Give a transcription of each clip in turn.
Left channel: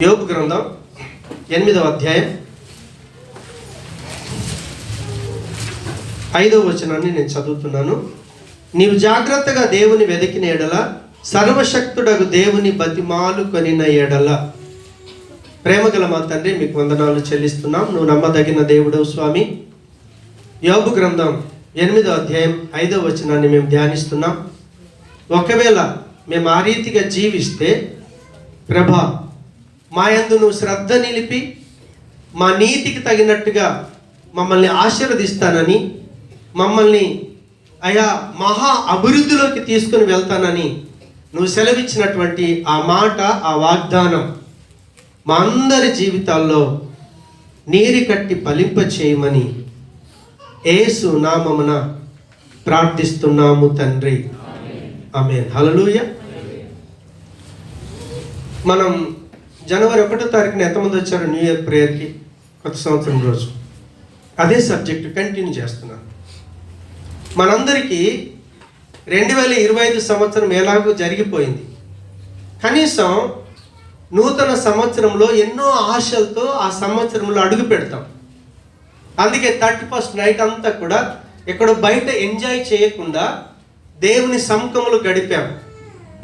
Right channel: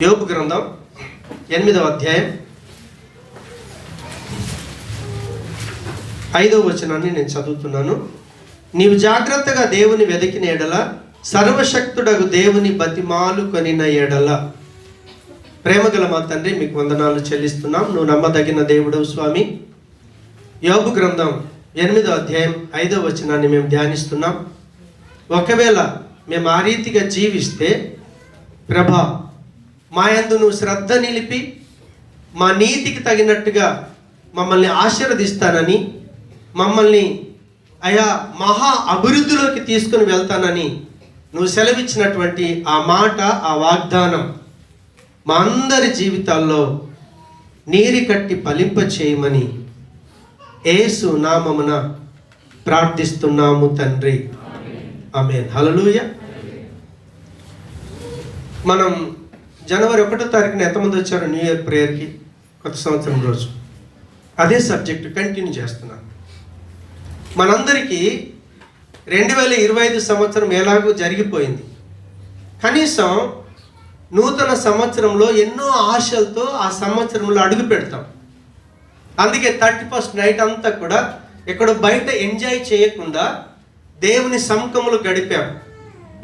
యోబు గ్రంథం 8వ అధ్యాయం 5వ వచనాన్ని నేను చదువుతున్నాను. నీవు జాగ్రత్తగా దేవుని వెతికిన ఎడల, సర్వశక్తుడగు దేవుని బతిమాలు కొనిన ఎడల. ప్రేమగల మా తండ్రి, మీకు వందనాలు చెల్లిస్తున్నాం. నువ్వు నమ్మదగిన దేవుడు స్వామి. యోబు గ్రంథం 8వ అధ్యాయం 5వ వచనాన్ని మేము ధ్యానిస్తున్నాం. ఒకవేళ మేము ఆ రీతిగా జీవిస్తే, ప్రభా మా యందు నువ్వు శ్రద్ధ నిలిపి మా నీతికి తగినట్టుగా మమ్మల్ని ఆశీర్వదిస్తానని, మమ్మల్ని అయా మహా అభివృద్ధిలోకి తీసుకుని వెళ్తానని నువ్వు సెలవిచ్చినటువంటి ఆ మాట, ఆ వాగ్దానం మా అందరి జీవితాల్లో నీరు కట్టి ఫలింప చేయమని యేసు నామమున ప్రార్థిస్తున్నాము తండ్రి. ఆమేన్. హల్లెలూయా. మనం జనవరి 1వ తారీఖున ఎంతమంది వచ్చారు న్యూ ఇయర్ ప్రేయర్కి? కొత్త సంవత్సరం రోజు అదే సబ్జెక్టు కంటిన్యూ చేస్తున్నాను. మనందరికీ 2025 సంవత్సరం ఎలాగో జరిగిపోయింది. కనీసం నూతన సంవత్సరంలో ఎన్నో ఆశలతో ఆ సంవత్సరంలో అడుగు పెడతాం. అందుకే 31st నైట్ అంతా కూడా ఎక్కడో బయట ఎంజాయ్ చేయకుండా దేవుని సముఖంలో గడిపాం.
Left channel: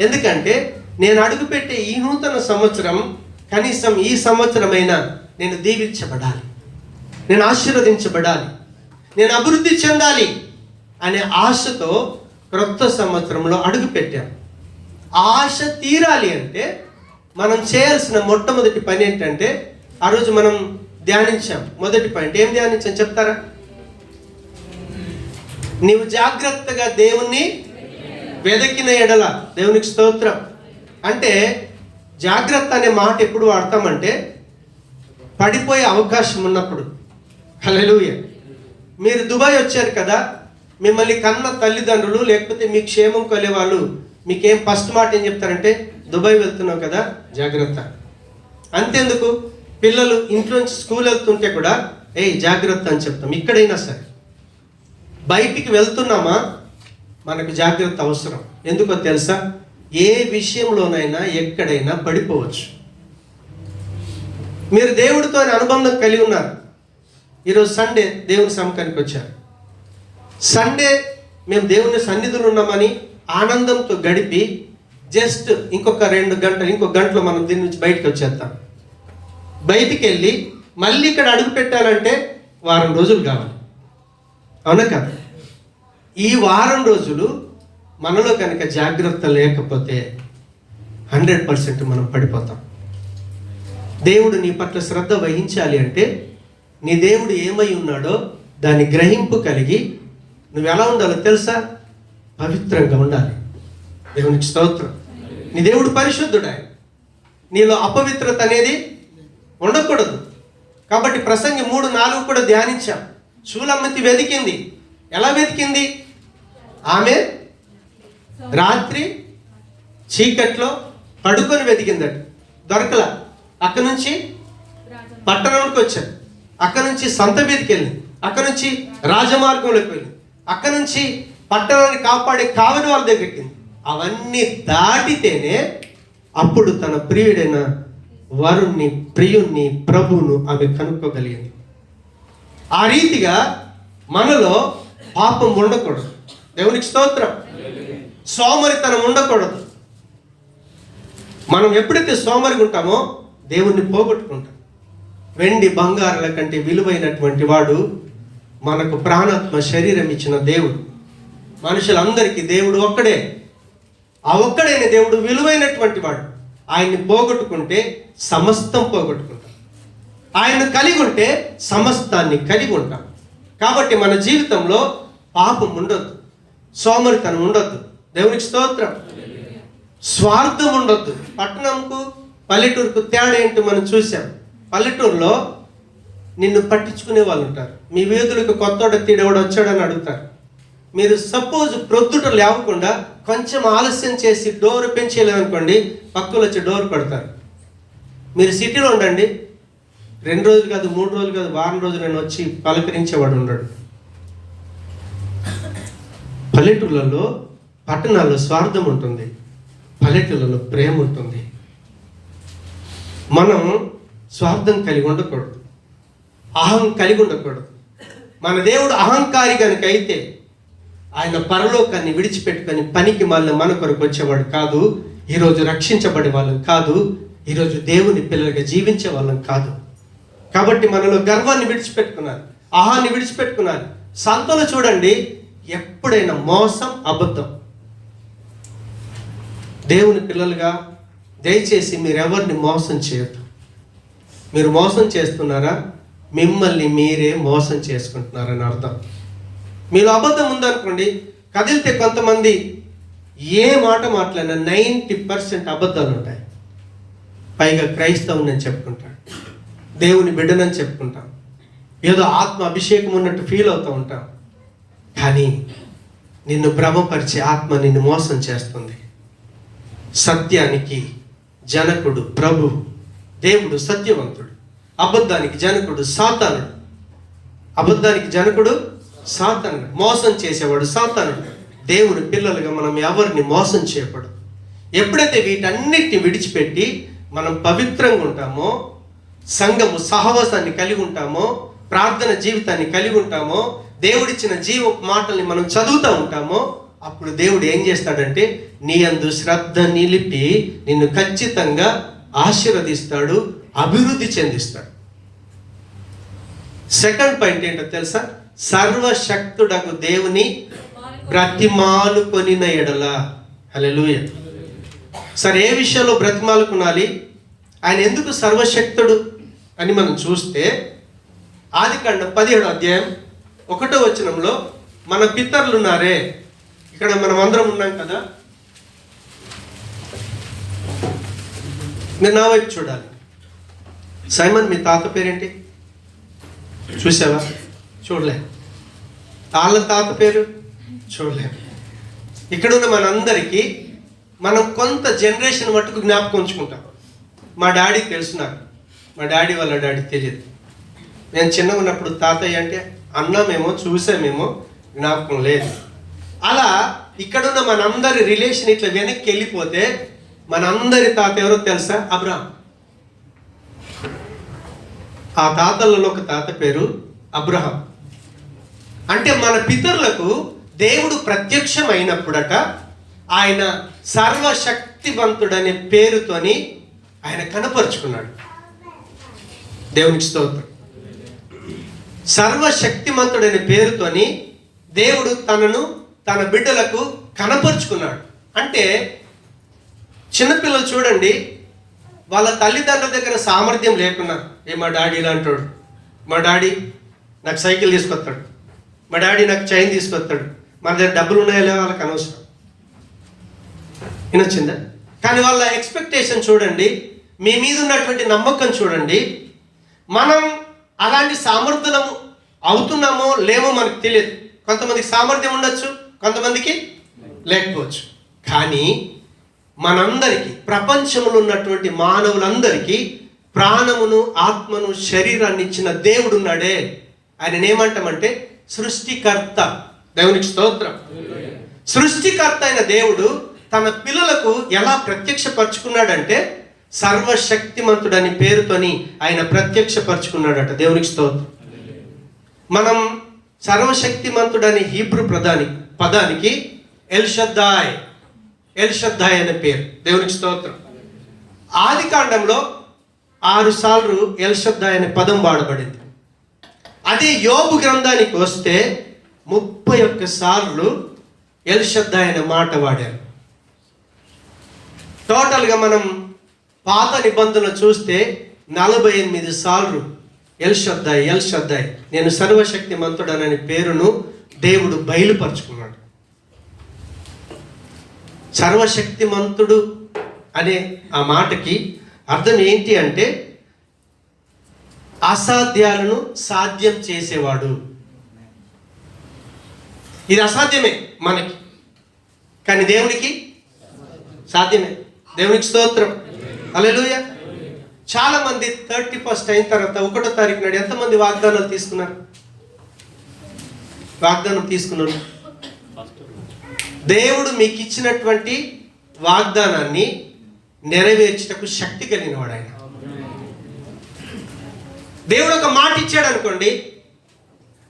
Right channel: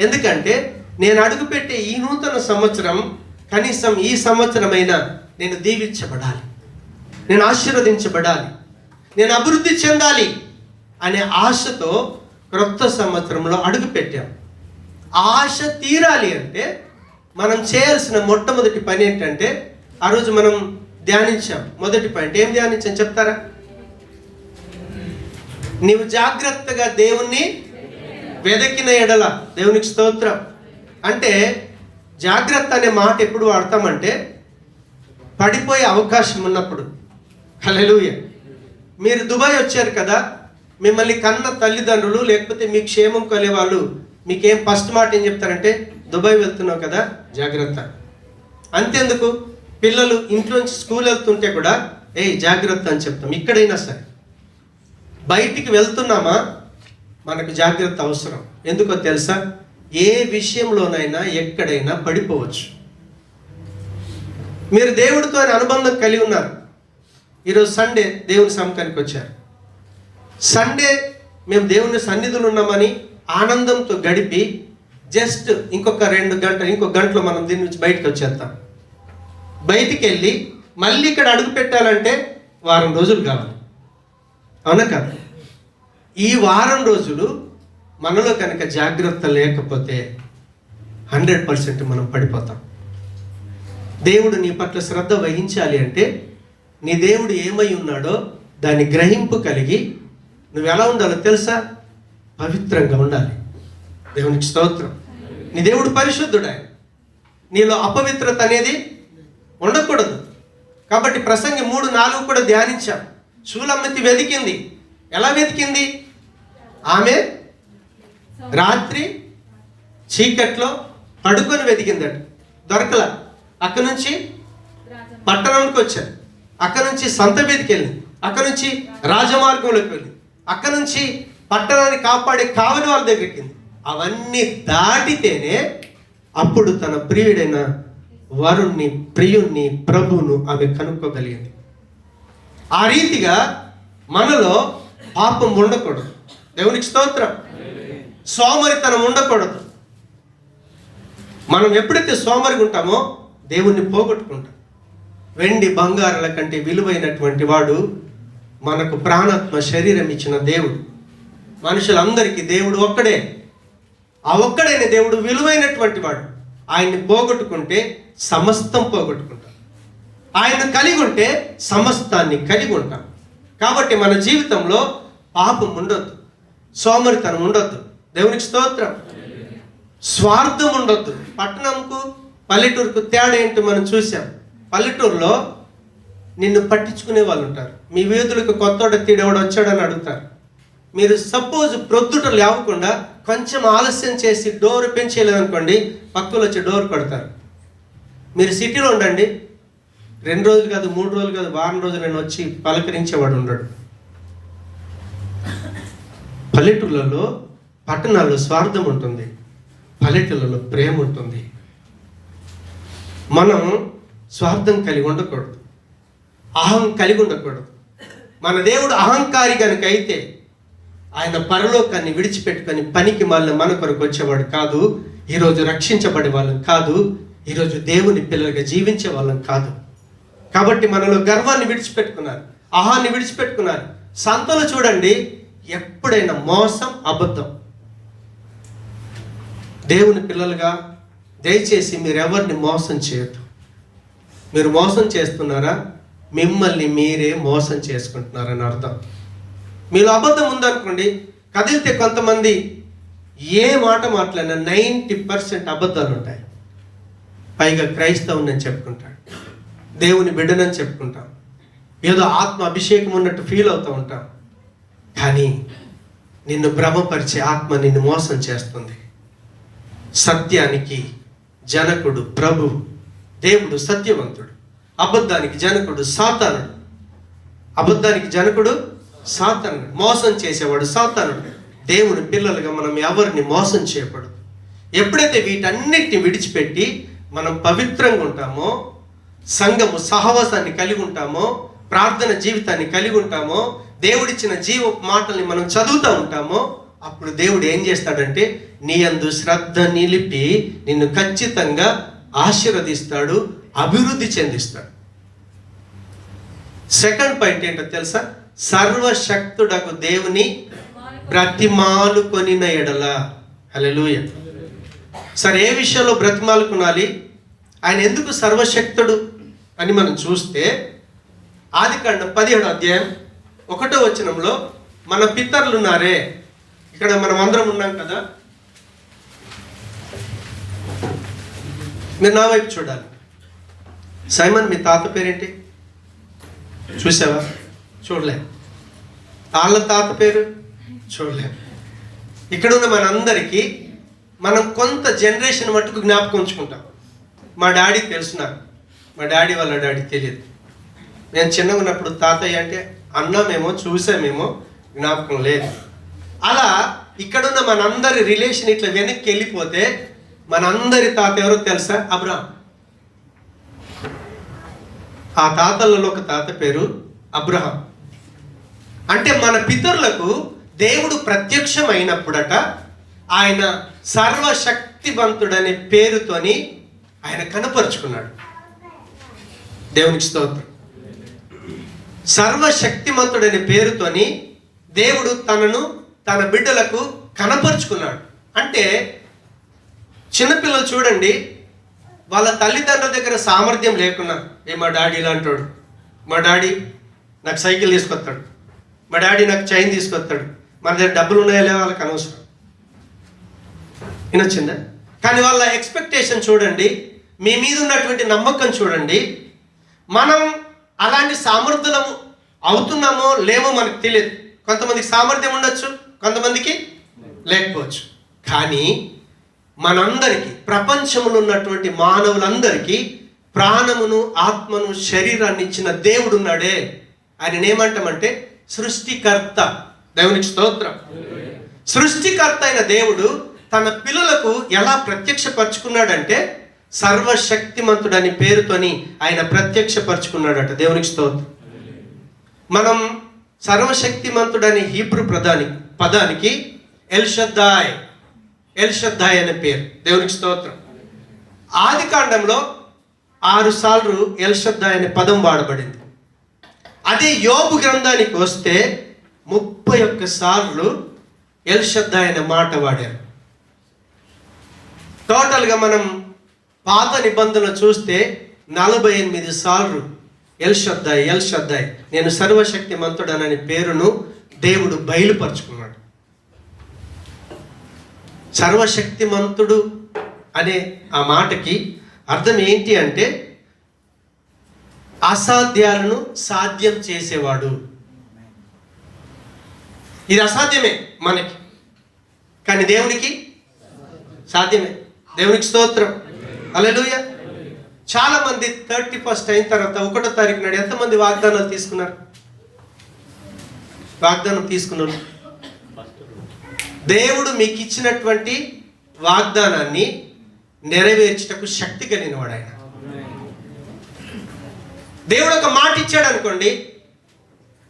ఎందుకంటే నేను అడుగుపెట్టే ఈ నూతన సంవత్సరం కనీసం ఈ సంవత్సరమైనా నేను దీవించబడాలి, నేను ఆశీర్వదించబడాలి, నేను అభివృద్ధి చెందాలి అనే ఆశతో క్రొత్త సంవత్సరంలో అడుగు పెట్టాం. ఆశ తీరాలి అంటే మనం చేయాల్సిన మొట్టమొదటి పని ఏంటంటే, ఆ రోజు మనం ధ్యానించాం. మొదటి పాయింట్ ఏం ధ్యానించాం చెప్తారా? నీవు జాగ్రత్తగా దేవుణ్ణి వెదకిన ఎడల. దేవునికి స్తోత్రం. అంటే జాగ్రత్త అనే మాట ఎప్పుడు వాడతామంటే పడిపోయే అవకాశం ఉన్నప్పుడు. హల్లెలూయా. మీరు దుబాయ్ వచ్చారు కదా, మిమ్మల్ని కన్న తల్లిదండ్రులు లేకపోతే మీ క్షేమం కొలే వాళ్ళు మీకేం ఫస్ట్ మాట ఏం చెప్తారంటే, దుబాయ్ వెళ్తున్నావు కదా జాగ్రత్త. అంతెందుకు, పిల్లలు ఇంట్లోంచి స్కూల్ వెళ్తుంటే కూడా జాగ్రత్త అని చెప్తాం. ఇక్కడైనా సరే బయటికి వెళ్తున్నామా మనకు జాగ్రత్త అవసరం. ఎందుకో తెలుసా? ఏ విషయంలోనైనా ఎక్కడైనా పడిపోవచ్చు. మీరు దేవుడితో అనుబంధం కలిగి ఉన్నారు. ఈరోజు సండే దేవుని సముఖానికి వచ్చారు. సండే మేము దేవుని సన్నిధిలో ఉన్నామని ఆనందంతో గడిపి జస్ట్ ఇంకొక 2 గంటలు, ఇంకొక గంటలో మనం దీని నుంచి బయటకు వచ్చేస్తాం. బయటికి వెళ్ళి మళ్ళీ ఇక్కడ అడుగు పెట్టాలంటే వారం రోజులు కావాలి. అవునా కదా? ఈ వారం రోజులు మనలో కనుక జాగ్రత్త లేకపోతే 100% మనం పడిపోతాం. దేవుడు నీ పట్ల శ్రద్ధ వహించాలి అంటే నీ దేవుడు ఏమై ఉన్నాడో దాన్ని గ్రహింపు కలిగి నువ్వు ఎలా ఉండాలో తెలుసా? పవిత్రంగా ఉండాలి. దేవునికి స్తోత్రం. నీ దేవుడు పరిశుద్ధుడు. ఆయన నీలో అపవిత్రత అనేది ఉండకూడదు. కాబట్టి ప్రసంగి 3:4 కూడా ధ్యానించాం. షూలమ్మతి వెతికింది. ఎలా వెతికింది? ఆమె రాత్రి చీకట్లో పడుకొని వెతికిందట, దొరకలా. అక్కడి నుంచి పట్టణంకి వచ్చారు, అక్కడి నుంచి సంత మీదకి వెళ్ళింది, అక్కడి నుంచి రాజమార్గంలోకి వెళ్ళింది, అక్కడి నుంచి పట్టణాన్ని కాపాడే కావలి వాళ్ళ దగ్గరికి. అవన్నీ దాటితేనే అప్పుడు తన ప్రియుడైన వరుణ్ణి, ప్రియుణ్ణి, ప్రభువును ఆమె కనుక్కోగలిగింది. ఆ రీతిగా మనలో పాపం ఉండకూడదు. దేవునికి స్తోత్రం. సోమరితనం ఉండకూడదు. మనం ఎప్పుడైతే సోమరిగా ఉంటామో దేవుణ్ణి పోగొట్టుకుంటాం. వెండి బంగారాల కంటే విలువైనటువంటి వాడు మనకు ప్రాణాత్మ శరీరం ఇచ్చిన దేవుడు. మనుషులందరికీ దేవుడు ఒక్కడే. ఆ ఒక్కడైన దేవుడు విలువైనటువంటి వాడు. ఆయన్ని పోగొట్టుకుంటే సమస్తం పోగొట్టుకుంటాం. ఆయన కలిగి ఉంటే సమస్తాన్ని కలిగి ఉంటాం. కాబట్టి మన జీవితంలో పాపం ఉండొద్దు, సోమరితనం ఉండొద్దు. దేవునికి స్తోత్రం. స్వార్థం ఉండొద్దు. పట్టణంకు పల్లెటూరుకు తేడా ఏంటో మనం చూసాం. పల్లెటూరులో నిన్ను పట్టించుకునే వాళ్ళు ఉంటారు. మీ వీధులకు కొత్తోడ తీడేవాడు వచ్చాడని అడుగుతారు. మీరు సపోజ్ ప్రొద్దుట లేవకుండా కొంచెం ఆలస్యం చేసి డోర్ పెంచేయలేదనుకోండి, పక్కన వచ్చి డోర్ కొడతారు. మీరు సిటీలో ఉండండి, 2 రోజులు కాదు, 3 రోజులు కాదు, వారం రోజులు నేను వచ్చి పలకరించేవాడు ఉండడు. పల్లెటూళ్ళలో, పట్టణాల్లో స్వార్థం ఉంటుంది, పల్లెటూళ్ళలో ప్రేమ ఉంటుంది. మనం స్వార్థం కలిగి ఉండకూడదు, అహం కలిగి ఉండకూడదు. మన దేవుడు అహంకారి కనుక అయితే ఆయన పరలోకాన్ని విడిచిపెట్టుకొని పనికి మళ్ళీ మన కొరకు వచ్చేవాడు కాదు. ఈరోజు రక్షించబడే వాళ్ళం కాదు, ఈరోజు దేవుని పిల్లలుగా జీవించే వాళ్ళం కాదు. కాబట్టి మనలో గర్వాన్ని విడిచిపెట్టుకున్నారు, అహాన్ని విడిచిపెట్టుకున్నారు. సంతలు చూడండి, ఎప్పుడైనా మోసం, అబద్ధం. దేవుని పిల్లలుగా దయచేసి మీరు ఎవరిని మోసం చేయొద్దు. మీరు మోసం చేస్తున్నారా, మిమ్మల్ని మీరే మోసం చేసుకుంటున్నారని అర్థం. మీలో అబద్ధం ఉందనుకోండి, కదిలితే కొంతమంది ఏ మాట మాట్లాడినా 90% అబద్ధాలు ఉంటాయి. పైగా క్రైస్తవుని నేను చెప్పుకుంటాను, దేవుని బిడ్డనని చెప్పుకుంటాం, ఏదో ఆత్మ అభిషేకం ఉన్నట్టు ఫీల్ అవుతూ ఉంటాం. కానీ నిన్ను భ్రమపరిచే ఆత్మ నిన్ను మోసం చేస్తుంది. సత్యానికి జనకుడు ప్రభు, దేవుడు సత్యవంతుడు. అబద్ధానికి జనకుడు సాతానుడు. అబద్ధానికి జనకుడు సాతానుడు, మోసం చేసేవాడు సాతానుడు. దేవుని పిల్లలుగా మనం ఎవరిని మోసం చేయకూడదు. ఎప్పుడైతే వీటన్నిటిని విడిచిపెట్టి మనం పవిత్రంగా ఉంటామో, సంఘము సహవాసాన్ని కలిగి ఉంటామో, ప్రార్థన జీవితాన్ని కలిగి ఉంటామో, దేవుడిచ్చిన జీవ మాటల్ని మనం చదువుతూ ఉంటామో, అప్పుడు దేవుడు ఏం చేస్తాడంటే నీ యందు శ్రద్ధ నిలిపి నిన్ను ఖచ్చితంగా ఆశీర్వదిస్తాడు, అభివృద్ధి చెందిస్తాడు. సెకండ్ పాయింట్ ఏంటో తెలుసా? సర్వశక్తుడకు దేవుని బ్రతిమాలు కొనిన ఎడల. హల్లెలూయా. సరే, ఏ విషయంలో బ్రతిమాలుకునాలి? ఆయన ఎందుకు సర్వశక్తుడు అని మనం చూస్తే ఆదికాండం 17వ అధ్యాయం 1వ వచనంలో మన పితరులు ఉన్నారే, ఇక్కడ మనం అందరం ఉన్నాం కదా, మీరు నా వైపు చూడాలి. సైమన్, మీ తాత పేరేంటి? చూసావా? చూడలే. వాళ్ళ తాత పేరు చూడలే. ఇక్కడ ఉన్న మనందరికీ మనం కొంత జనరేషన్ మట్టుకు జ్ఞాపకం ఉంచుకుంటాం. మా డాడీ తెలుసు నాకు, మా డాడీ వాళ్ళ డాడీ తెలియదు. నేను చిన్నగా ఉన్నప్పుడు తాతయ్య అంటే అన్నామేమో, చూసామేమో, జ్ఞాపకం లేదు. అలా ఇక్కడున్న మనందరి రిలేషన్ ఇట్లా వెనక్కి వెళ్ళిపోతే మనందరి తాత ఎవరో తెలుసా? అబ్రహాం. ఆ తాతలలో ఒక తాత పేరు అబ్రహాం. అంటే మన పితరులకు దేవుడు ప్రత్యక్షమైనప్పుడట ఆయన సర్వశక్తివంతుడనే పేరుతోని ఆయన కనపరుచుకున్నాడు. దేవునికి స్తోత్రం. సర్వశక్తిమంతుడనే పేరుతోని దేవుడు తనను తన బిడ్డలకు కనపరుచుకున్నాడు. అంటే చిన్నపిల్లలు చూడండి, వాళ్ళ తల్లిదండ్రుల దగ్గర సామర్థ్యం లేకున్నా, మా డాడీ ఇలాంటోడు, మా డాడీ నాకు సైకిల్ తీసుకొస్తాడు, మా డాడీ నాకు చైన్ తీసుకొస్తాడు, మన దగ్గర డబ్బులు ఉన్నాయా లేవో వాళ్ళకి అనవసరం. వినొచ్చిందా? కానీ వాళ్ళ ఎక్స్పెక్టేషన్ చూడండి, మీ మీద ఉన్నటువంటి నమ్మకం చూడండి. మనం అలాంటి సామర్థ్యం అవుతున్నామో లేమో మనకు తెలియదు. కొంతమందికి సామర్థ్యం ఉండొచ్చు, కొంతమందికి లేకపోవచ్చు. కానీ మనందరికీ, ప్రపంచంలో ఉన్నటువంటి మానవులందరికీ ప్రాణమును, ఆత్మను, శరీరాన్ని ఇచ్చిన దేవుడు ఉన్నాడే, ఆయన ఏమంటామంటే సృష్టికర్త. దేవునికి స్తోత్రం. సృష్టికర్త అయిన దేవుడు తన పిల్లలకు ఎలా ప్రత్యక్షపరుచుకున్నాడంటే సర్వశక్తిమంతుడని పేరుతోని ఆయన ప్రత్యక్షపరుచుకున్నాడట. దేవునికి స్తోత్రం. మనం సర్వశక్తిమంతుడని హీబ్రూ పదానికి ఎల్షద్దాయ్ అనే పేరు. దేవునికి స్తోత్రం. ఆదికాండంలో 6 సార్లు ఎల్షద్దాయ్ అనే పదం వాడబడింది. అదే యోబు గ్రంథానికి వస్తే 31 సార్లు ఎల్షద్దాయ్ అనే మాట వాడారు. టోటల్గా మనం పాత నిబంధన చూస్తే 48 సార్లు ఎల్షద్దాయ్ నేను సర్వశక్తిమంతుడనని పేరును దేవుడు బయలుపరుచుకున్నాడు. సర్వశక్తిమంతుడు అనే ఆ మాటకి అర్థం ఏంటి అంటే అసాధ్యాలను సాధ్యం చేసేవాడు. ఇది అసాధ్యమే మనకి, కానీ దేవునికి సాధ్యమే. దేవునికి స్తోత్రం. హల్లెలూయా. చాలా మంది 31st అయిన తర్వాత 1వ తారీఖు నాడు ఎంతమంది వాగ్దానాలు తీసుకున్నారు? వాగ్దానం తీసుకున్నారు. దేవుడు మీకు ఇచ్చినటువంటి వాగ్దానాన్ని నెరవేర్చుటకు శక్తి కలిగిన వాడు ఆయన. మాట ఇచ్చాడు అనుకోండి,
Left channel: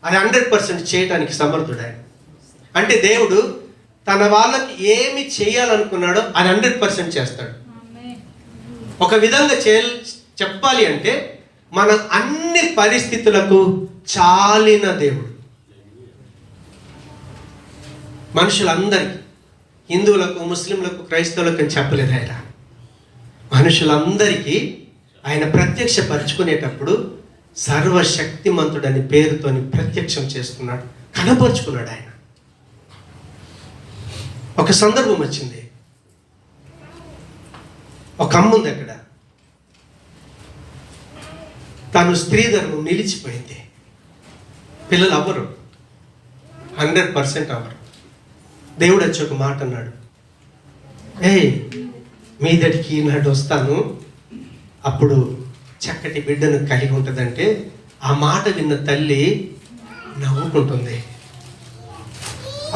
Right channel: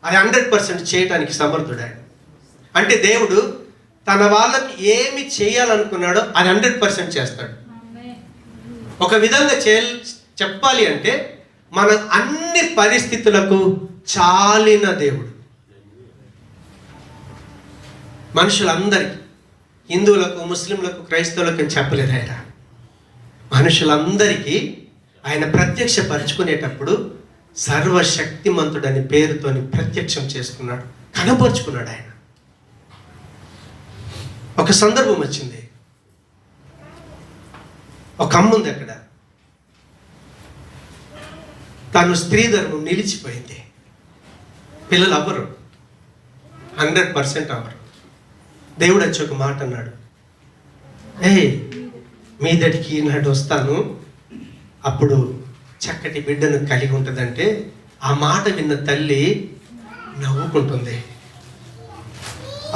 అది 100% చేయడానికి సమర్థుడు ఆయన. అంటే దేవుడు తన వాళ్ళకి ఏమి చేయాలనుకున్నాడో అది 100% చేస్తాడు. ఒక విధంగా చెప్పాలి అంటే మన అన్ని పరిస్థితులకు చాలిన దేవుడు. మనుషులందరికీ, హిందువులకు, ముస్లింలకు, క్రైస్తవులకు అని చెప్పలేదు ఆయన. మనుషులందరికీ ఆయన ప్రత్యక్షపరుచుకునేటప్పుడు సర్వశక్తిమంతుడని పేరుతోని ప్రత్యక్షం చేసుకున్నాడు, కనపరుచుకున్నాడు ఆయన. ఒక సందర్భం వచ్చింది, ఒక అమ్మ ఉంది అక్కడ, తను స్త్రీ ధర్మం నిలిచిపోయింది. పిల్లలు అవ్వరు, 100% అవ్వరు. దేవుడు వచ్చి ఒక మాట అన్నాడు, మీ దగ్గరికి ఈనాడు వస్తాను, అప్పుడు చక్కటి బిడ్డను కలిగి ఉంటుందంటే ఆ మాట విన్న తల్లి నవ్వుకుంటుంది.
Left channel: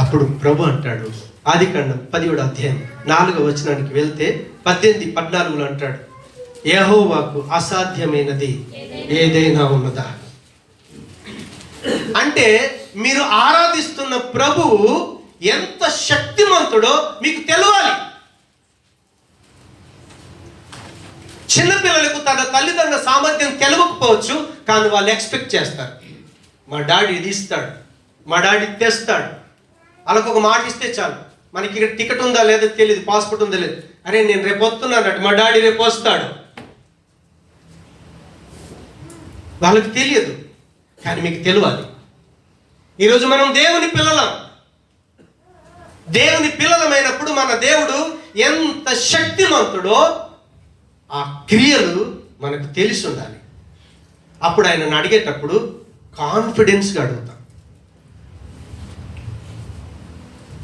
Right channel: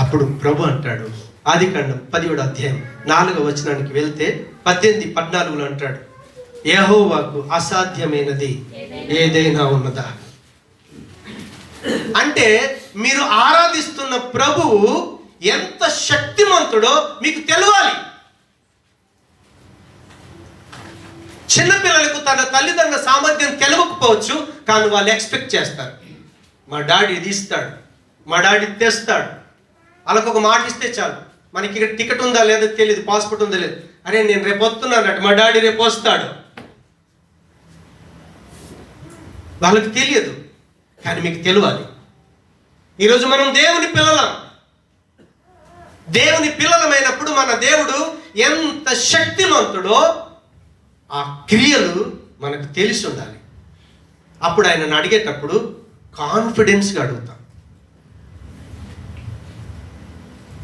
అప్పుడు ప్రభు అంటాడు, ఆదికాండం 17వ అధ్యాయం 4వ వచనానికి వెళ్తే 18-14 అంటాడు, యెహోవాకు అసాధ్యమైనది ఏదైనా ఉన్నదా? అంటే మీరు ఆరాధిస్తున్న ప్రభువు ఎంత శక్తిమంతుడో మీకు తెలియాలి. చిన్నపిల్లలకు తన తల్లిదండ్రుల సామర్థ్యం తెలియకపోవచ్చు, కానీ వాళ్ళు ఎక్స్పెక్ట్ చేస్తారు, మా డాడీ ఇది ఇస్తాడు, మా డాడీ తెస్తాడు. వాళ్ళకు ఒక మాట ఇస్తే చాలు, మనకి ఇక్కడ టికెట్ ఉందా లేదో తెలియదు, పాస్పోర్ట్ ఉందా లేదు, అరే నేను రేపు వస్తున్నాను, మా డాడీ రేపు వస్తాడు. వాళ్ళకి తెలియదు, కానీ మీకు తెలియాలి. ఈరోజు మనం దేవుని పిల్లలం. దేవుని పిల్లలమైనప్పుడు మన దేవుడు ఎంత శక్తిమంతుడో ఆ క్రియలు మనకు తెలిసి ఉండాలి. అప్పుడు ఆయనను అడిగేటప్పుడు కాన్ఫిడెన్స్గా అడుగుతాం,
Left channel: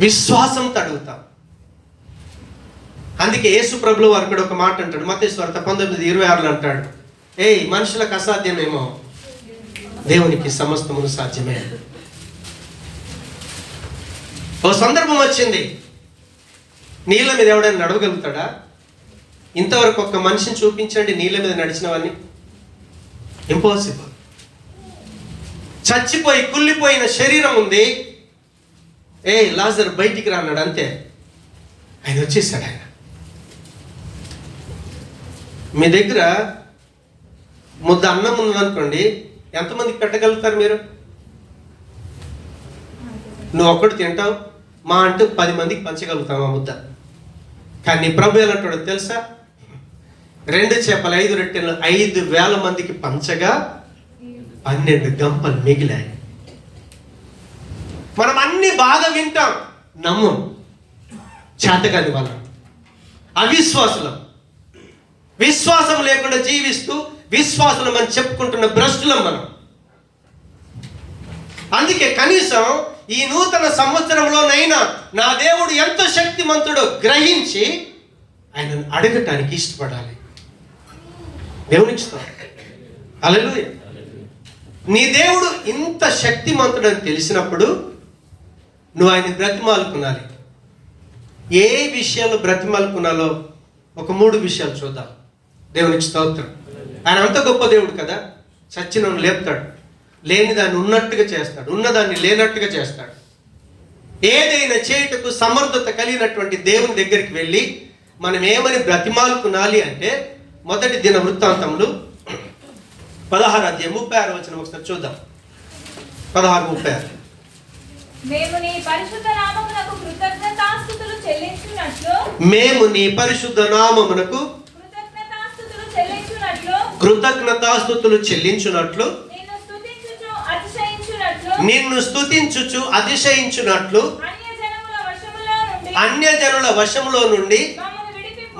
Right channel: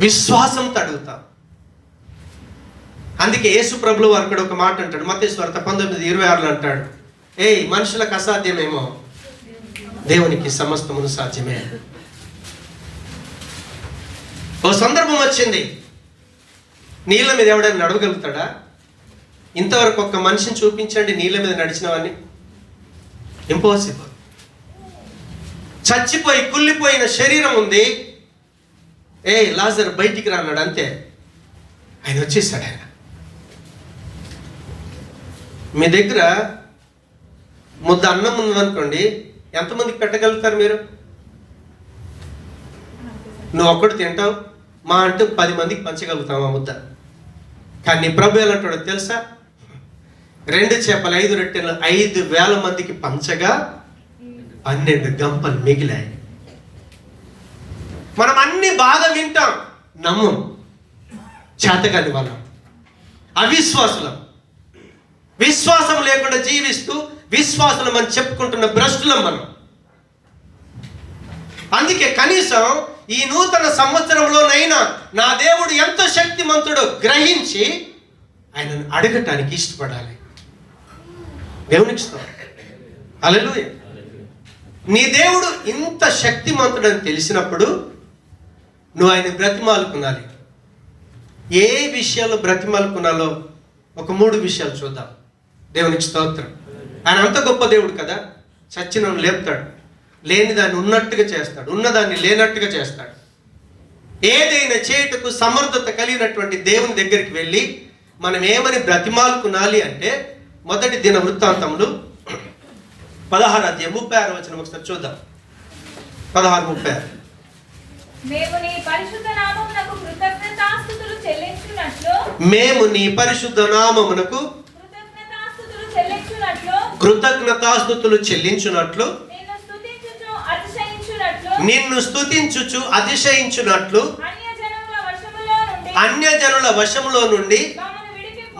విశ్వాసంతో అడుగుతాం. అందుకే యేసు ప్రభువు వారు కూడా ఒక మాట అంటాడు, మత్తయి సువార్త 19:26 అంటాడు, మనుషులకు అసాధ్యమేమో దేవునికి సమస్తమును సాధ్యమే. ఓ సందర్భం వచ్చింది, నీళ్ళ మీద ఎవడైనా నడవగలుగుతాడా? ఇంతవరకు ఒక్క మనిషిని చూపించండి నీళ్ళ మీద నడిచిన వాడిని. ఇంపాసిబుల్. చచ్చిపోయి కుళ్ళిపోయిన శరీరం ఉంది, లాజర్ బయటికి రాన్నాడు, అంతే, ఆయన వచ్చేసాడు. ఆయన మీ దగ్గర ముద్ద అన్నం ఉందనుకోండి, ఎంతమందికి పెట్టగలుగుతారు మీరు? నువ్వు ఒక్కడు తింటావు, మా అంటూ 10 మందికి పంచగలుగుతావు ఆ ముద్ద. కానీ ప్రభు ఎలాంటాడో తెలుసా? 2 చేపలు 5 రొట్టెలు 5,000 మందికి పంచగా 12 గంపలు మిగిలాయి. మనం అన్ని బాగా వింటాం, నమ్మం, చేతగాని వాళ్ళం, అవిశ్వాసులం. విశ్వాసం లేకుండా జీవిస్తూ విశ్వాసం అని చెప్పుకుంటున్న భ్రష్టులం మనం. అందుకే కనీసం ఈ నూతన సంవత్సరంలోనైనా నా దేవుడు ఎంత శక్తిమంతుడో గ్రహించి ఆయనను అడగటానికి ఇష్టపడాలి. దేవునికి హల్లెలూయా. నీ దేవుడు ఇంత శక్తిమంతుడని తెలిసినప్పుడు నువ్వు ఆయన బ్రతిమాలుకున్నాలి. ఏ విషయాలు బ్రతిమాలుకున్నాలో ఒక 3 విషయాలు చూద్దాం. దేవునికి స్తోత్రం. ఆయన అంత గొప్ప దేవుడు కదా, చచ్చినోడు లేపుతాడు, లేని దాన్ని ఉన్నట్టుగా చేస్తాడు, ఉన్నదాన్ని లేనట్టుగా చేస్తాడు. ఏదైనా చేయుటకు సమర్థత కలిగినటువంటి దేవుని దగ్గరికి వెళ్ళి మనం ఏమని బ్రతిమాలుకునాలి అంటే, మొదటి దిన వృత్తాంతములు 16వ అధ్యాయం 36వ వచనం ఒకసారి చూద్దాం. 16:36. మేము నీ పరిశుద్ధ నామమునకు కృతజ్ఞతాస్తుతులు చెల్లించునట్లు నిన్ను స్తుతించుచు అతిశయించునట్లు అన్యజనుల వశములో నుండి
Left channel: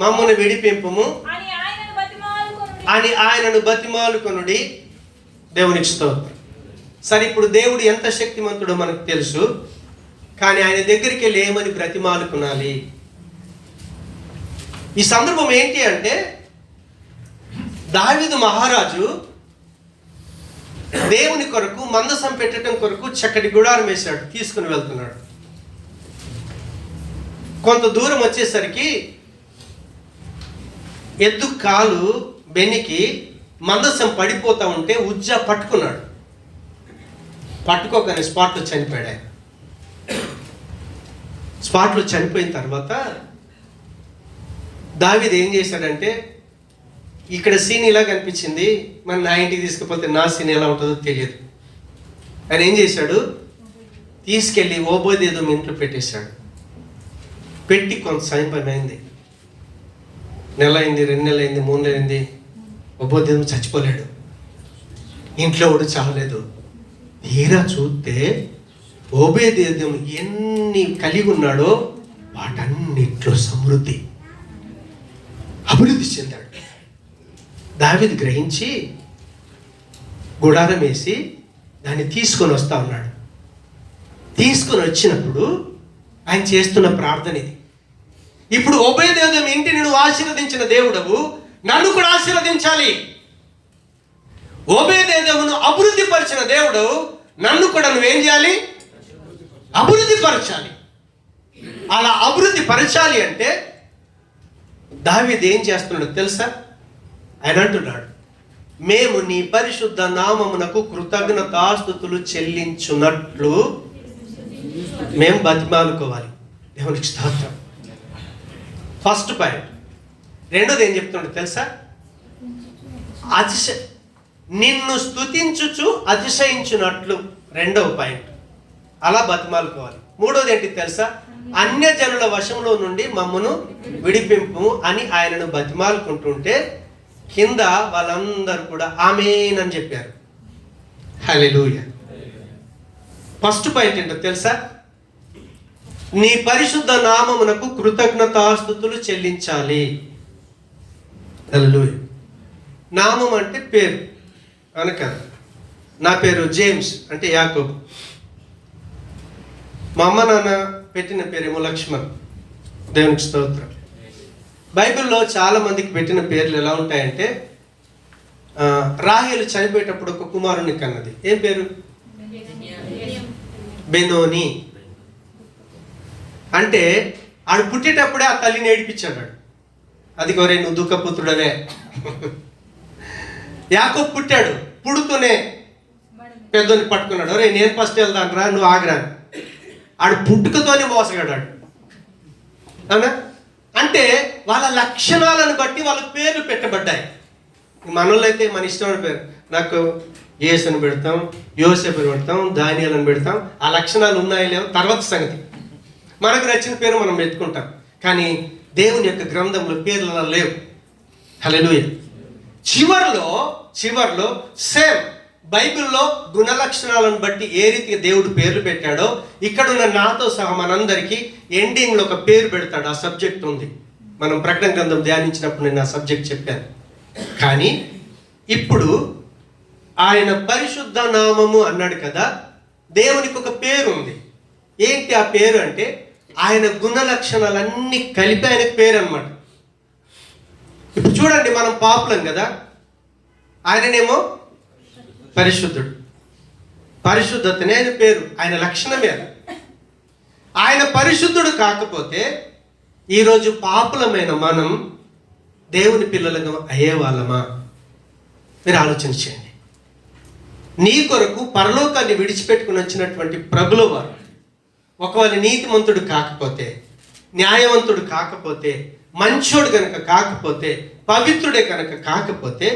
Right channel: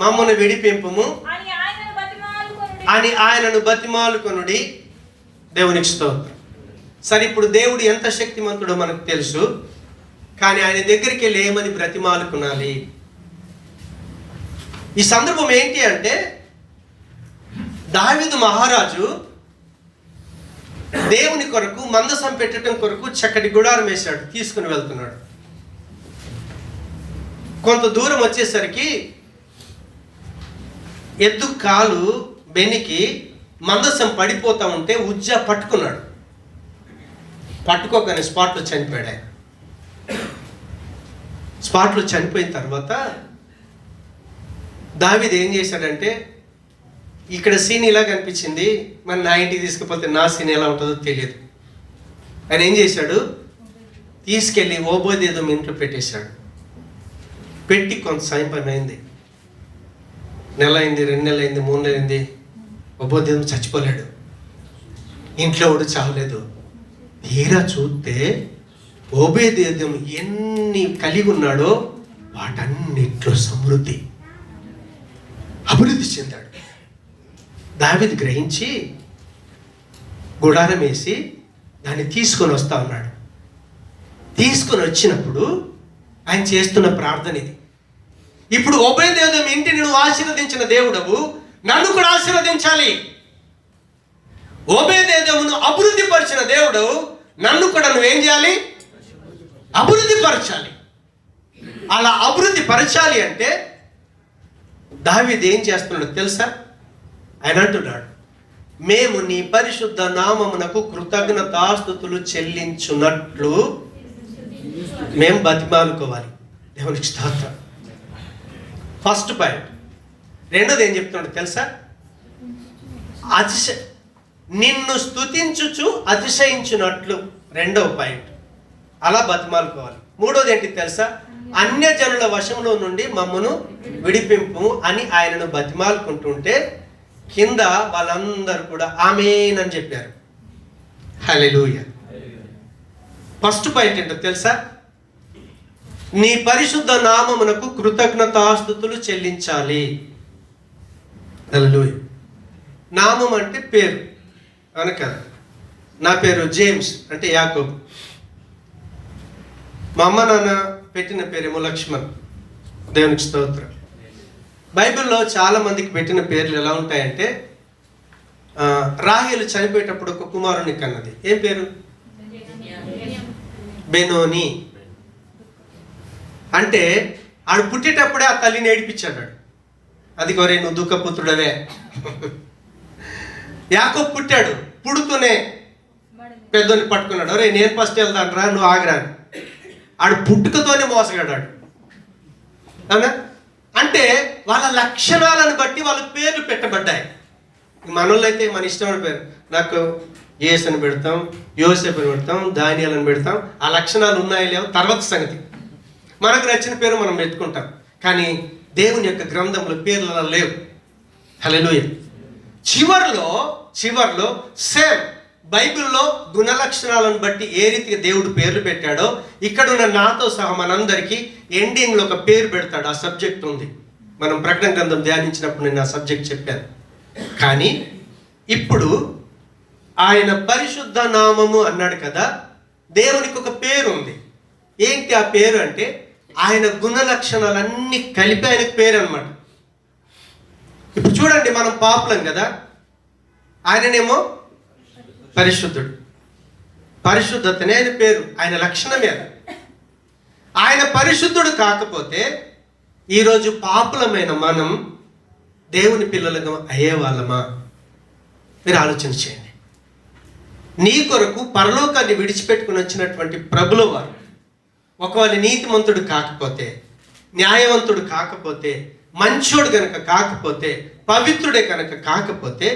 మమ్మను విడిపింపుము అని ఆయనను బతిమాలుకొనుడి. దేవునికి స్తోత్రం. సరే, ఇప్పుడు దేవుడు ఎంత శక్తిమంతుడో మనకు తెలుసు, కానీ ఆయన దగ్గరికి వెళ్ళి ఏమని బ్రతిమాలుకునాలి? ఈ సందర్భం ఏంటి అంటే, దావీదు మహారాజు దేవుని కొరకు మందసం పెట్టడం కొరకు చక్కటి గుడారం వేశాడు, తీసుకుని వెళ్తున్నాడు. కొంత దూరం వచ్చేసరికి ఎద్దు కాలు బెనికి మందసం పడిపోతా ఉంటే ఉజ్జా పట్టుకున్నాడు. పట్టుకోగానే స్పాట్లో చనిపోయాడు ఆయన. స్పాట్లో చనిపోయిన తర్వాత దావీదు ఏం చేశాడంటే, ఇక్కడ సీన్ ఇలా కనిపించింది, మరి నా ఇంటికి తీసుకుపోతే నా సీన్ ఎలా ఉంటుందో తెలియదు. ఆయన ఏం చేశాడు, తీసుకెళ్ళి ఓబోదేదోము ఇంట్లో పెట్టేశాడు. పెట్టి కొంత సమయం అయింది, నెల అయింది, 2 నెలలు అయింది, 3 నెలలు అయింది. ఓబోదేదోము చచ్చిపోలేడు, ఇంట్లో కూడా చావలేదు. తీరా చూస్తే ఓబేదేదోము ఎన్ని కలిగి ఉన్నాడో వాటన్నిట్లో సమృద్ధి, అభివృద్ధి చెందాడు. దావీదు గ్రహించి గుడారం వేసి దాన్ని తీసుకొని వస్తా ఉన్నాడు. తీసుకొని వచ్చినప్పుడు ఆయన చేస్తున్న ప్రార్థన ఇది. ఇప్పుడు ఓబేదేదోము ఇంటిని నువ్వు ఆశీర్వదించిన దేవుడవు, నన్ను కూడా ఆశీర్వదించాలి. ఓబేదేదోమును అభివృద్ధి పరిచిన దేవుడు, నన్ను కూడా నువ్వేం చేయాలి, అభివృద్ధి పరచాలి. అలా అభివృద్ధి పరచాలి అంటే దావీదు ఏం చేస్తున్నాడు తెలుసా? ఆయన అంటున్నాడు, మేము నీ పరిశుద్ధ నామమునకు కృతజ్ఞతాస్తుతులు చెల్లించున్నట్లు మేము బతిమాలుకోవాలి. దేవునికి స్తోత్రం. First point. రెండోది ఏం చెప్తున్నాడు తెలుసా? నిన్ను స్తుతించుచు అతిశయించున్నట్లు, రెండవ పాయింట్. అలా బతిమాలుకోవాలి. మూడోది ఏంటి తెలుసా? అన్యజనుల వశంలో నుండి మమ్మను విడిపింపు అని ఆయనను బతిమాలుకుంటుంటే కింద వాళ్ళందరూ కూడా ఆమేన్ అని చెప్పారు. హల్లెలూయా. ఫస్ట్ పాయింట్ ఏంటో తెలుసా? నీ పరిశుద్ధ నామమునకు కృతజ్ఞతాస్తుతులు చెల్లించాలి. హల్లెలూయా. నామం అంటే పేరు, అవును కదా? నా పేరు జేమ్స్ అంటే యాకోబు. మా అమ్మ నాన్న పెట్టిన పేరేమో లక్ష్మణ్. దేవునికి స్తోత్రం. బైబిల్లో చాలా మందికి పెట్టిన పేర్లు ఎలా ఉంటాయంటే, రాహేలు చనిపోయేటప్పుడు ఒక కుమారుని కన్నది. ఏం పేరు? బెనోని. అంటే ఆడు పుట్టేటప్పుడే ఆ తల్లిని ఏడిపించాడు. అది కొరే నువ్వు దుఃఖపుత్రుడవే. యాకోబు పుట్టాడు, పుడుతూనే పెద్దోని పట్టుకున్నాడు. అరే నేను ఫస్ట్ వెళ్తాను రా, నువ్వు ఆగరాను. ఆడు పుట్టుకతోనే మోసగాడాడు. అవునా? అంటే వాళ్ళ లక్షణాలను బట్టి వాళ్ళకి పేర్లు పెట్టబడ్డాయి. మనోళ్ళు అయితే మన ఇష్టమైన పేరు, నాకు యేసు అని పెడతాం, యోసేపు అని పెడతాం, దానియేలు అని పెడతాం. ఆ లక్షణాలు ఉన్నాయో లేవో తర్వాత సంగతి. మనకు నచ్చిన పేరు మనం పెట్టుకుంటాం, కానీ దేవుని యొక్క గ్రంథంలో పేర్లు అలా లేవు. హల్లెలూయా. చివర్లో సేమ్ బైబిల్లో గుణ లక్షణాలను బట్టి ఏ రీతిగా దేవుడు పేర్లు పెట్టాడో ఇక్కడ ఉన్న నాతో సహా మనందరికీ ఎండింగ్లో ఒక పేరు పెడతాడు. ఆ సబ్జెక్ట్ ఉంది. మనం ప్రకటన గ్రంథం ధ్యానించినప్పుడు నేను ఆ సబ్జెక్ట్ చెప్పాను. కానీ ఇప్పుడు ఆయన పరిశుద్ధ నామము అన్నాడు కదా, దేవునికి ఒక పేరు ఉంది. ఏంటి ఆ పేరు అంటే ఆయన గుణ లక్షణాలన్నీ కలిపి ఆయన పేరు అన్నమాట. ఇప్పుడు చూడండి, మనం పాపులం కదా, ఆయననేమో పరిశుద్ధుడు. పరిశుద్ధతనే ఆయన పేరు, ఆయన లక్షణమే. ఆయన పరిశుద్ధుడు కాకపోతే ఈరోజు పాపులమైన మనం దేవుని పిల్లలుగా అయ్యేవాళ్ళమా? మీరు ఆలోచన చేయండి. నీ కొరకు పరలోకాన్ని విడిచిపెట్టుకుని వచ్చినటువంటి ప్రభుల వారు ఒకవేళ నీతిమంతుడు కాకపోతే, న్యాయవంతుడు కాకపోతే, మంచోడు కనుక కాకపోతే, పవిత్రుడే కనుక కాకపోతే,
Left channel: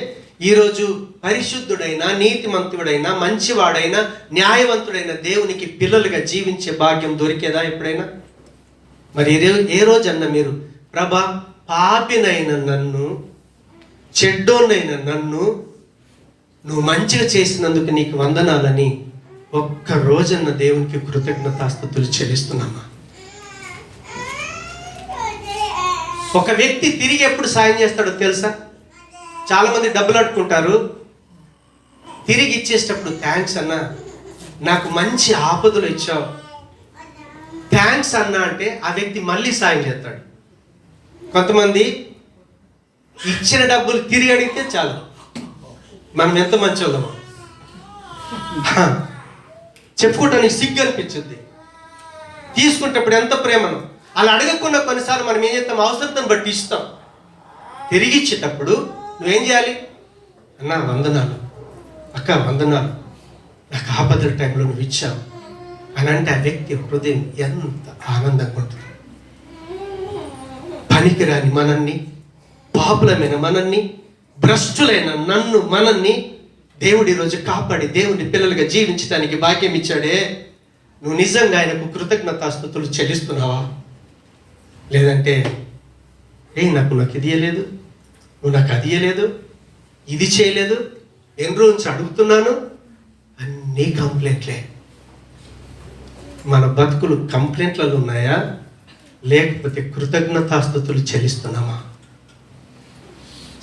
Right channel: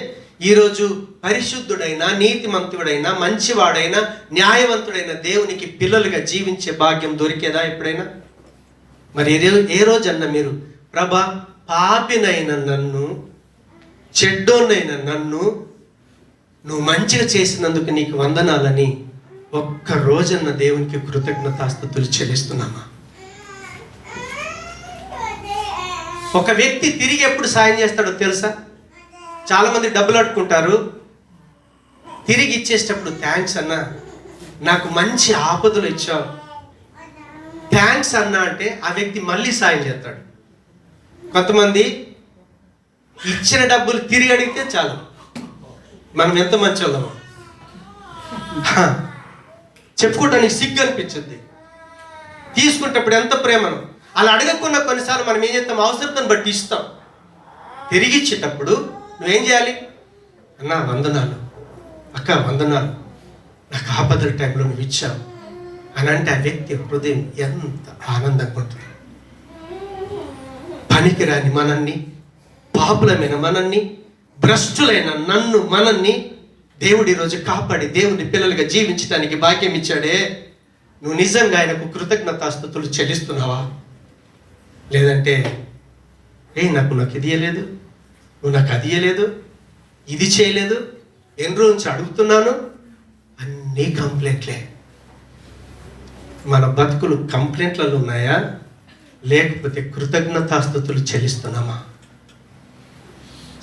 ఈరోజు పరిశుద్ధుడైన, నీతిమంతుడైన, మంచివాడైన, న్యాయవంతుడైన దేవునికి పిల్లలుగా జీవించే భాగ్యం దొరికేదా ఎప్పుడైనా? మరి ఏ రోజన్నా మీరు ప్రభా పాపినైన నన్ను, చెడ్డోనైన నన్ను నువ్వు మంచిగా చేసినందుకు నీకు వందనాలని ఒక్క రోజన్న దేవునికి కృతజ్ఞతాస్తుతులు చెల్లిస్తున్నామా? ఒక వ్యక్తి తిరిగి ఎప్పుడు సాయం చేస్తాడో తెలుసా? చాలా మంది డబ్బులు అడుక్కుంటారు, తిరిగి ఇచ్చేటప్పుడు థ్యాంక్స్ అన్నా, నాకు మంచి ఆపదలు ఇచ్చావు, థ్యాంక్స్ అన్నా అంటే ఆ వ్యక్తి మళ్ళీ సాయం చేస్తాడు. కొంతమంది ఇచ్చిన డబ్బులు తిరిగి అడిగితే చాలు, మనం ఎంత మంచి వాళ్ళమో చెప్పుకుంటానికి సిగ్గు అనిపించింది. తీసుకుంటప్పుడు ఎంత ప్రేమను. అలా అడగకుండా కొన్నిసార్లు మనం ఏం చేస్తాం, అవసరతను బట్టి ఇస్తాం. తిరిగి ఇచ్చేటప్పుడు నువ్వేం చేయాలి? అన్నా వందనాలు, అక్క వందనాలు, నాకు ఆపదల టైంలో నువ్వు ఇచ్చావు అని అంటే ఆ వ్యక్తి హృదయం ఎంత ఆనందంగా ఉంటుంది. పనికిరాని మనల్ని, పాపులమైన మనల్ని, భ్రష్టులైన నన్ను మనల్ని దేవుడు ఈరోజు కాపాడి దేవుని పిల్లలుగా జీవించడానికి భాగ్యం ఇచ్చాడే. నువ్వు నిజంగా ఆయనకు కృతజ్ఞతాస్తుతులు చెల్లిస్తున్నావా? లేదంటే నాకు ఇది ఇయ్యలేదు, నువ్వు నాకు అది ఇయ్యలేదు, ఇది చేయలేదు, ఎన్ని రోజు నుంచి అడుగుతున్నాను, అన్నీ కంప్లైంట్లే. మన బతుకులు కంప్లైంట్లలో ఉన్నాయా, లేకపోతే కృతజ్ఞతాస్తుతులు చెల్లిస్తున్నామా?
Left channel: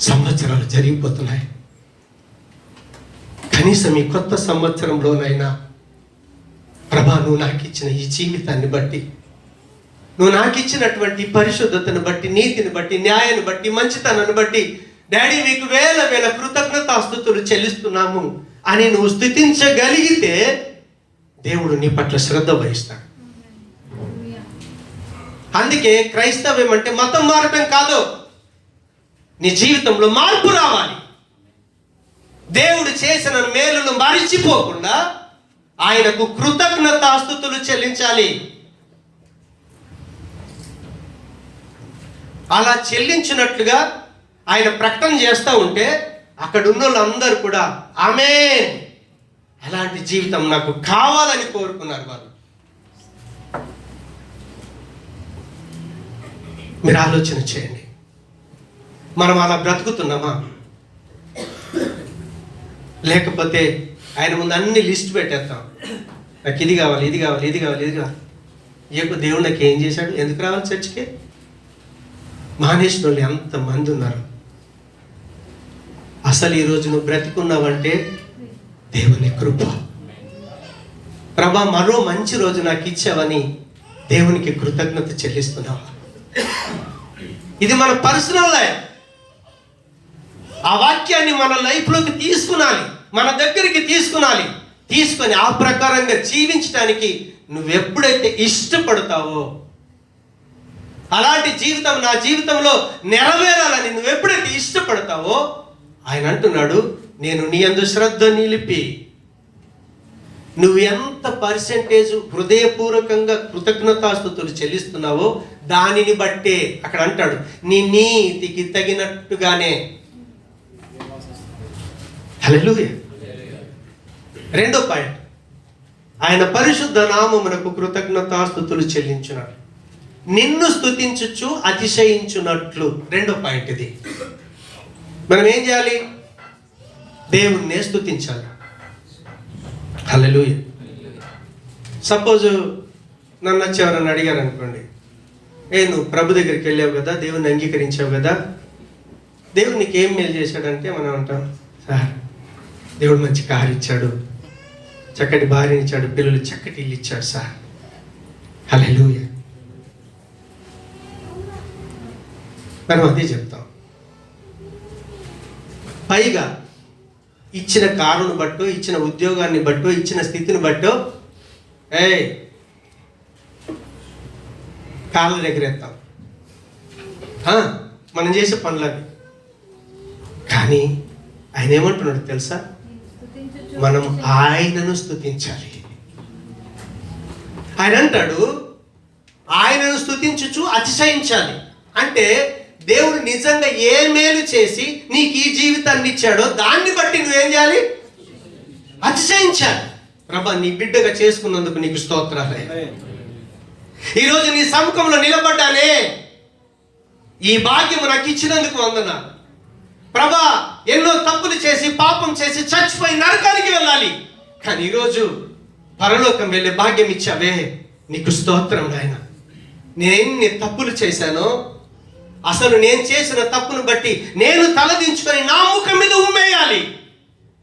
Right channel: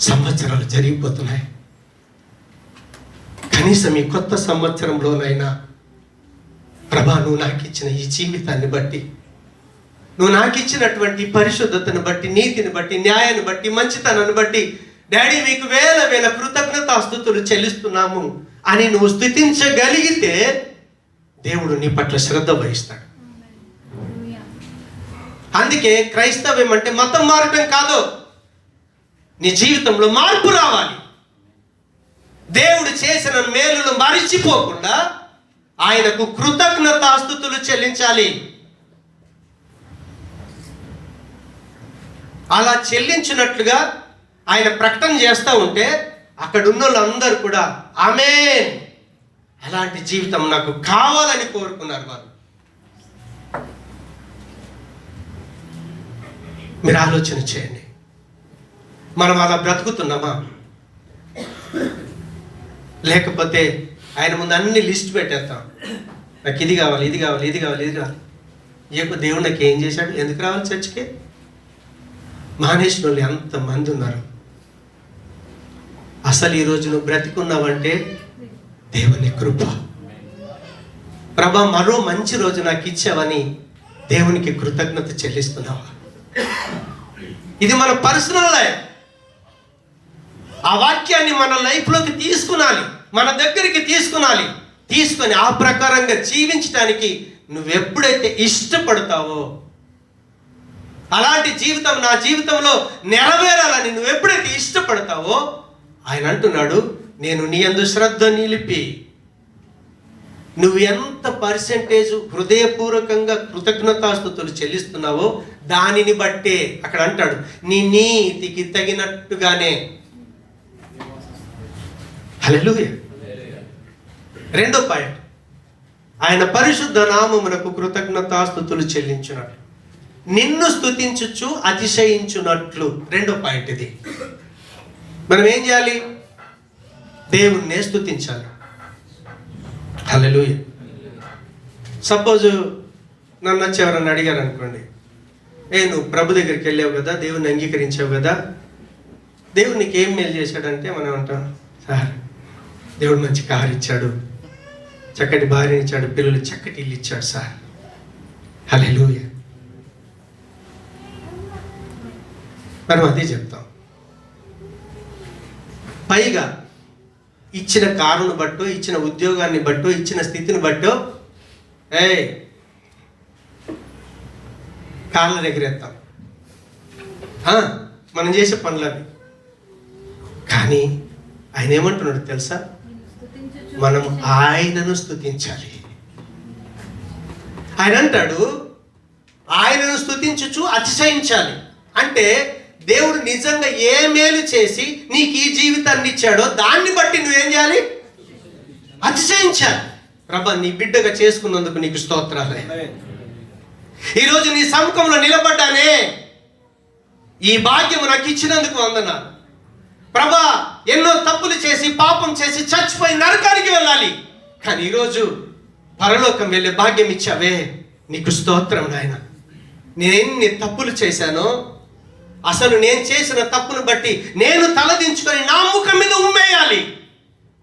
సంవత్సరాలు జరిగిపోతున్నాయి. కనీసం ఈ కొత్త సంవత్సరంలోనైనా ప్రభా, నువ్వు నాకు ఇచ్చిన ఈ జీవితాన్ని బట్టి, నువ్వు నాకు ఇచ్చినటువంటి పరిశుద్ధతను బట్టి, నీతిని బట్టి, న్యాయాన్ని బట్టి, మంచితనాన్ని బట్టి, డాడీ మీకు వేల వేల కృతజ్ఞతాస్తుతులు చెల్లిస్తున్నాము అని నువ్వు స్తుతించగలిగితే దేవుడు నీ పట్ల శ్రద్ధ వహిస్తాడు. అందుకే క్రైస్తవ్యం అంటే మతం మారటం కాదు, నీ జీవితంలో మార్పు రావాలి. దేవుడు చేసిన మేలును మరిచిపోకుండా ఆయనకు కృతజ్ఞతాస్తుతులు చెల్లించాలి. అలా చెల్లించినట్లుగా ఆయన ప్రకటన చేస్తూ ఉంటే అక్కడ ఉన్న వాళ్ళందరూ కూడా ఆమేన్, అలాంటి జీవితం నాకు కావాలని కోరుకున్నారు వారు. మీరు ఆలోచన చేయండి, మనం అలా బ్రతుకుతున్నామా? లేకపోతే ఆయన ముందు అన్ని లిస్ట్ పెట్టేస్తాం, నాకు ఇది కావాలి, ఇది కావాలి, ఇది కావాలి, ఇది కావాలి. ఏపో దేవుడు నాకు ఏం చేశాడు, ఎందుకు రావాలి చర్చికి? మానేసిన వాళ్ళు ఎంతమంది ఉన్నారు. అసలు ఈరోజు నువ్వు బ్రతికున్నావంటే దేవుని కృప. ప్రభా, మరో మంచి రోజు నాకు ఇచ్చావని దేవునికి కృతజ్ఞత చెల్లిస్తున్నావా? ఇది మన పర్సనల్ లైఫ్. ఆ వాక్యాన్ని మన లైఫ్లోకి తీసుకునాలి, మన దగ్గరికి తీసుకొని ఆ ప్రకారంగా జీవించడానికి నువ్వు ఎప్పుడైతే ఇష్టపడతావో, అలాంటి జీవితం నా జీవితంలో నెరవేరాలని నువ్వు ఎప్పుడైతే ఇష్టపడతావో, ఆయన అంటున్నాడు, నేను నీ యందు శ్రద్ధ నిలిపి నువ్వు ఎంత పర్సెంటేజ్ హృదయపూర్వకంగా కృతజ్ఞతాస్తుతులు చెల్లిస్తున్నావో దానిని బట్టే, అక్కడ అంటాడు, నీ నీతికి తగినట్టుగానే. హల్లెలూయా. రెండో పాయింట్, ఆయన పరిశుద్ధ నామమునకు కృతజ్ఞతాస్తుతులు చెల్లించున్నాడు, నిన్ను స్తుతించుచు అతిశయించున్నట్లు. రెండో పాయింట్ ఇది. మనం ఏం చేయాలి? దేవుణ్ణే స్తుతించాలి. హల్లెలూయా. సపోజ్ నన్ను వచ్చి ఎవరన్నా అడిగారు అనుకోండి, నువ్వు ప్రభు దగ్గరికి వెళ్ళావు కదా, దేవుణ్ణి అంగీకరించావు కదా, దేవుడు నీకు ఏం మేలు చేశాడంటే మనం అంటాం, సార్ దేవుడు మంచి కారు ఇచ్చాడు, చక్కటి భార్యని ఇచ్చాడు, పిల్లలు చక్కటి ఇల్లు ఇచ్చాడు సార్. హల్లెలూయా. మనం అదే చెప్తాం. పైగా ఇచ్చిన కారును బట్టో, ఇచ్చిన ఉద్యోగాన్ని బట్టో, ఇచ్చిన స్థితిని బట్టో కాళ్ళ ఎగరేస్తాం, మనం చేసే పనులవి. కానీ ఆయన ఏమంటున్నాడు తెలుసా? మనం ఆయనను స్తుతించాలి. ఆయన అంటాడు, ఆయనను స్తుతించుచు అతిశయించాలి. అంటే దేవుడు నిజంగా ఏ మేలు చేసి నీకు ఈ జీవితాన్ని ఇచ్చాడో దాన్ని బట్టి నువ్వేం చేయాలి? అతిశయించాలి. ప్రభా, నీ బిడ్డగా చేసుకున్నందుకు నీకు స్తోత్రాలే. ఈరోజు నీ సముఖంలో నిలబడ్డానే, ఈ భాగ్యము నాకు ఇచ్చినందుకు వందనాలు. ప్రభా, ఎన్నో తప్పులు చేసి పాపం చేసి చచ్చిపోయి నరకానికి వెళ్ళాలి, కానీ ఈరోజు పరలోకం వెళ్ళే భాగ్యం ఇచ్చావే, నీకు స్తోత్రం నాయన. నేను ఎన్ని తప్పులు చేశానో, అసలు నేను చేసిన తప్పును బట్టి నేను తలదించుకొని నా ముఖం మీద ఉమ్మేయాలి,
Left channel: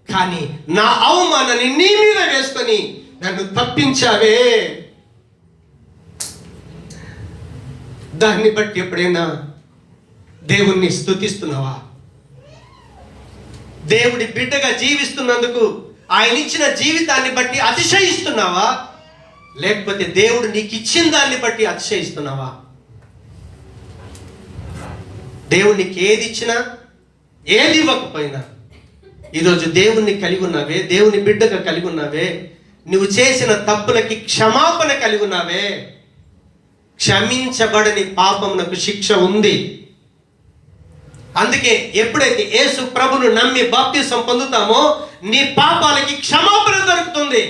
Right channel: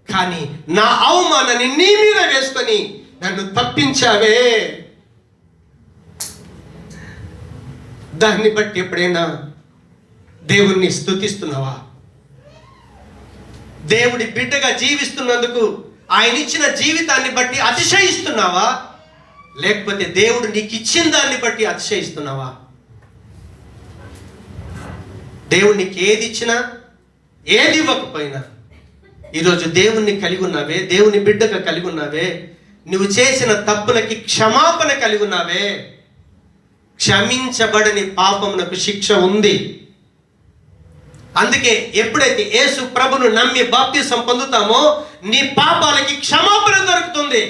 కానీ నా అవమానాన్ని నీ మీద వేసుకొని నన్ను తప్పించావే. దాన్ని బట్టి ఎప్పుడైనా దేవుణ్ణి స్తుతిస్తున్నావా? దేవుడి బిడ్డగా జీవిస్తున్నందుకు ఆయన ఇచ్చిన జీవితాన్ని బట్టి అతిశయిస్తున్నావా? లేకపోతే దేవుడు నీకు ఇచ్చిన దాన్ని బట్టి అతిశయిస్తున్నావా? దేవుడు నీకు ఏది ఇచ్చినా ఏది ఇవ్వకపోయినా ఈరోజు దేవుణ్ణి కలిగి ఉన్నావే, దేవుని బిడ్డగా కలిగి ఉన్నావే, నువ్వు చేసిన తప్పులకి క్షమాపణ కలిగి ఉన్నావే, క్షమించబడని పాపమునకు శిక్ష ఉంది. అందుకే ఎప్పుడైతే యేసు ప్రభును నమ్మి బాప్తిసం పొందుతామో నీ పాపాలకి క్షమాపణ దొరుకుతుంది.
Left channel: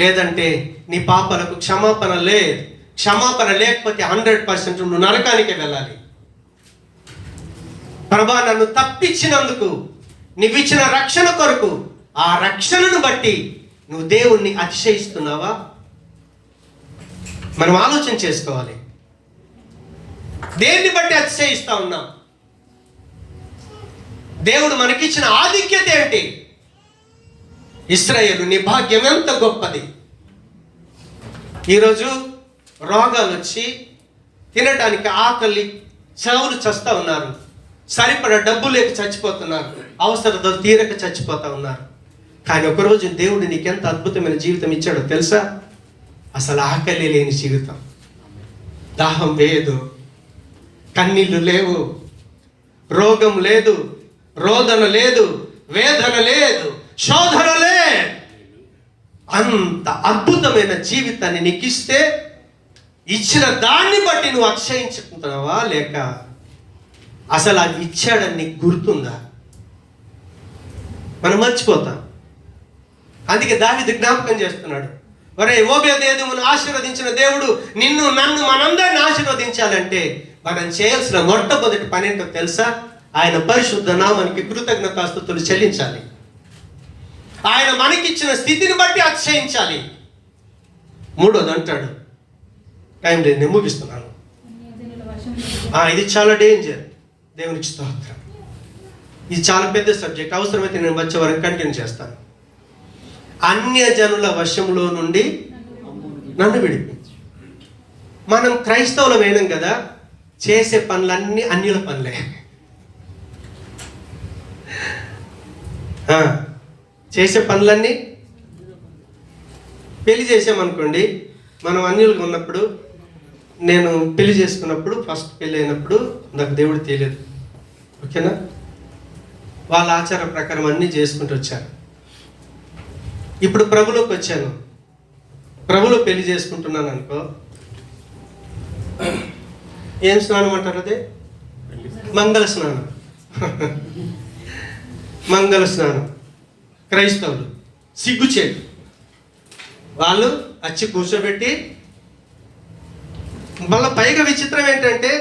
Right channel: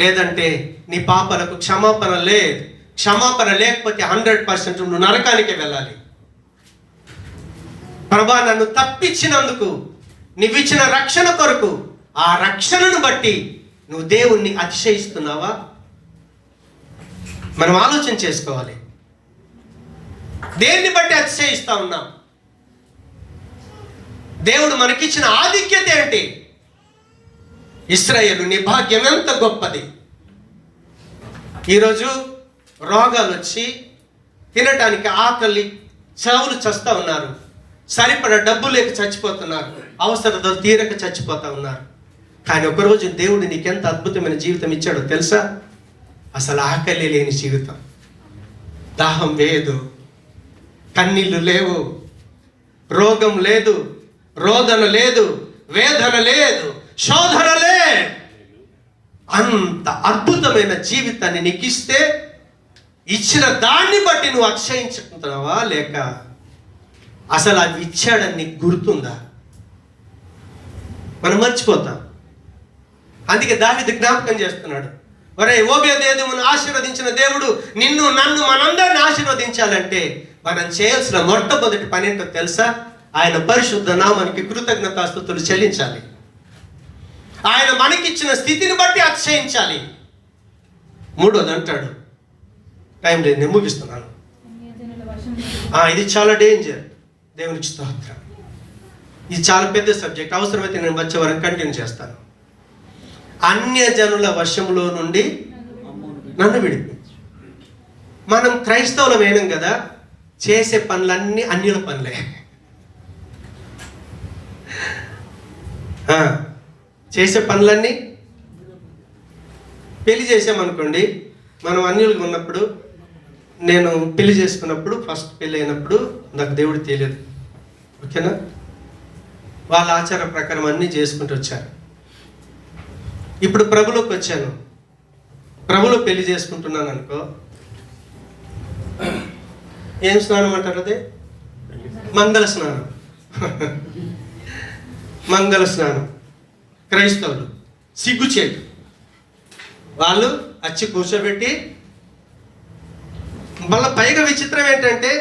లేదంటే నీ పాపాలకు క్షమాపణ లేదు. క్షమాపణ లేకపోతే 100% నువ్వు నరకానికి వెళ్ళాలి. ప్రభా, నన్ను తప్పించినందుకు, నువ్వు ఇచ్చిన రక్షణ కొరకు, ఆ రక్షణను బట్టి నువ్వు దేవుణ్ణి అతిశయిస్తున్నావా? మనం ఆలోచన చేసుకోవాలి. దేన్ని బట్టి అతిశయిస్తా ఉన్నాం? దేవుడు మనకిచ్చిన ఆధిక్యత ఏంటి? ఇశ్రాయేలు, నీ భాగ్యం ఎంత గొప్పది. ఈరోజు రోగాలు వచ్చి తినటానికి ఆకలి చావులు చస్తా ఉన్నారు. సరిపడా డబ్బు లేక చచ్చిపోతున్నారు. అవసరతలు తీరక చచ్చిపోతా ఉన్నారు. కానీ ఒకరోజు దేవుడు నీకెంత అద్భుతమైన జీవితం ఇచ్చాడో తెలుసా? అసలు ఆకలి లేని జీవితం, దాహం లేదు, కన్నీళ్లు లేవు, రోగం లేదు, రోదన లేదు, వేదన లేదు, శోధన లేదు. అంత అద్భుతమైన జీవితాన్ని నీకు ఇస్తే ఇచ్చిన దాన్ని బట్టి నువ్వు అతిశయించుకుంటున్నావా? లేక అసలు అది ఇచ్చాడని నీకు గుర్తుందా? మనం మర్చిపోతాం. అందుకే దావీదు జ్ఞాపకం చేస్తున్నాడు, ఒరే ఓబేదెదోమును ఆశీర్వదించిన దేవుడు నిన్ను, నన్ను, మనందరిని ఆశీర్వదించాలంటే మనం చేయాల్సిన మొట్టమొదటి పని ఏంటో తెలుసా? ఆయన పరిశుద్ధ నామానికి కృతజ్ఞతాస్తుతులు చెల్లించాలి. ఆయన మనకిచ్చిన స్థితిని బట్టి అతిశయించాలి. మూడోది అంటాడు, టైం లేదు, నేను ముగిస్తున్నాను. ఇది చాలా డేంజర్. దేవునికి స్తోత్రం. ఇది చాలా పెద్ద సబ్జెక్ట్. అవసరమైతే నేను వచ్చే వరకు కంటిన్యూ చేస్తాను. అన్యజనుల వశంలో నుండి నన్ను విడిపించు. మనం క్రైస్తవులు వేయడం కదా, చేసే పనులన్నీ అన్యుల పనులే. చేసే పనులన్నీ, పెళ్లి చేసామనుకోండి, మనం అన్యులుగా ఉన్నప్పుడు, నేను పెళ్లి చేసుకున్నప్పుడు, ఫస్ట్ పెళ్ళి అయినప్పుడు నాకు దేవుడు తెలియదు, ఓకేనా? వాళ్ళ ఆచార ప్రకారం అన్నీ చేసుకుంటూ వచ్చారు. ఇప్పుడు ప్రభులోకి వచ్చాను, ప్రభులో పెళ్లి చేసుకుంటున్నాను అనుకో, ఏం స్నానం అంటారు? అదే మంగళ స్నానం. మంగళ స్నానం. క్రైస్తవులు సిగ్గుచేటు, వాళ్ళు వచ్చి కూర్చోబెట్టి, మళ్ళీ పైగా విచిత్రం ఏంటంటే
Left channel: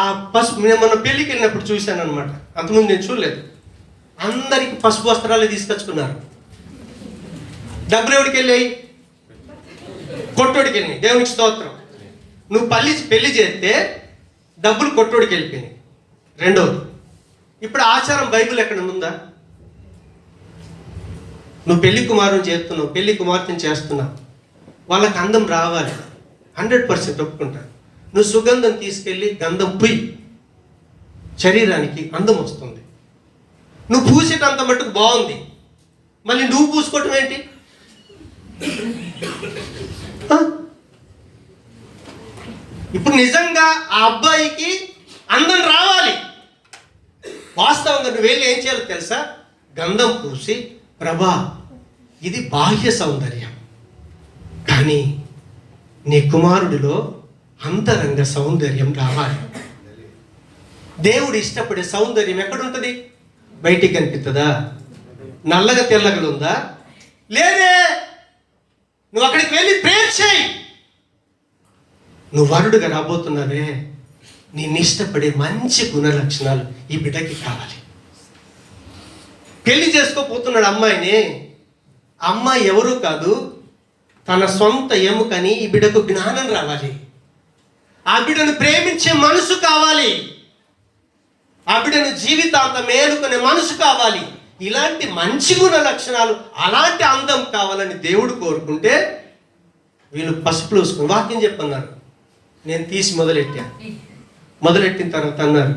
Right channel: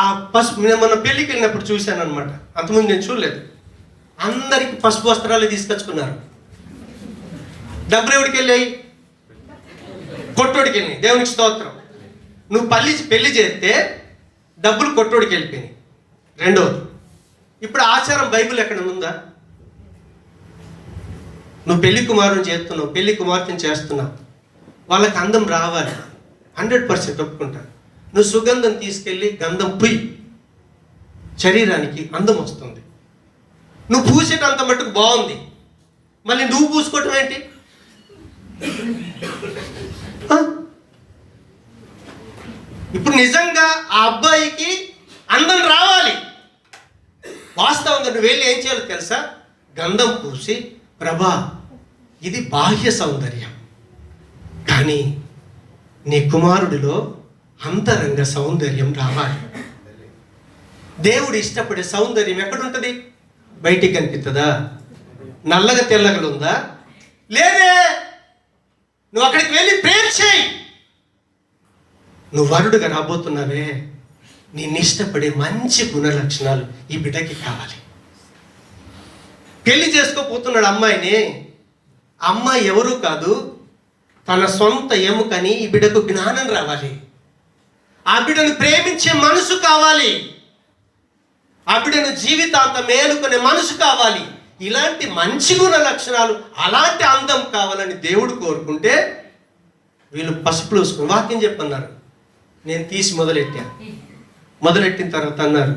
ఆ పసుపు, నేను మన పెళ్ళికి వెళ్ళినప్పుడు చూశాను అనమాట, అంతకుముందు నేను చూడలేదు. అందరికి పసుపు వస్త్రాలు తీసుకొచ్చుకున్నారు. డబ్బులు ఎవరికి వెళ్ళాయి? కొట్టోడికి వెళ్ళినాయి. దేవునికి స్తోత్రం. నువ్వు పెళ్లి చేస్తే డబ్బులు కొట్టోడికి వెళ్ళిపోయినాయి. రెండవది, ఇప్పుడు ఆచారం బైబిల్ ఎక్కడ ఉందా? నువ్వు పెళ్లి కుమారుని చేస్తున్నావు, పెళ్లి కుమార్తెను చేస్తున్నావు, వాళ్ళకి అందం రావాలి, 100% ఒప్పుకుంటారు. నువ్వు సుగంధం తీసుకెళ్ళి గంధం పుయ్యి, శరీరానికి అందం వస్తుంది. నువ్వు పూసేటంత మట్టుకు బాగుంది, మళ్ళీ నువ్వు పూసుకోవటం ఏంటి? ఇప్పుడు నిజంగా ఆ అబ్బాయికి అందం రావాలి. వాస్తవంగా నువ్వు వెళ్ళి ఏం చేయాలి తెలుసా? గంధం పూసి, ప్రభా ఇది బాహ్య సౌందర్యం, కానీ నీ కుమారుడిలో అంతరంగ సౌందర్యం రావాలి. దేవుడు ఇష్టపడే సౌందర్యం ఎక్కడుంటుంది? బయటికి కనిపిస్తుందా? నల్లగా తెల్లగా ఉందా? లేదే. నువ్వు అక్కడికి వెళ్ళి ప్రేర్ చేయి. నువ్వు వరుడుగా రాబోతున్నావే, నిన్ను ఇష్టపడే మంచి గుణ లక్షణాలు ఈ బిడ్డకి కావాలి. పెళ్లి చేసుకోపోతున్నాడు అమ్మాయిని. అమ్మాయి ఎవరు కాదు, తన సొంత ఎముకని. ఈ బిడ్డకు జ్ఞానం రావాలి, ఆ బిడ్డను ప్రేమించే మనసు కావాలి, ఆ బిడ్డను జీవితాంతం మేలుకునే మనసు కావాలి. ఇలాంటి మంచి గుణ లక్షణాలు, అలాంటి అందం కావాలని దేవుడు కోరుకుంటే వీళ్ళు పసుపులు వేసుకుని వాక్యం చెప్పన్నారు. నేను తీసి మొదలెట్టిన తర్వాత అన్నారు,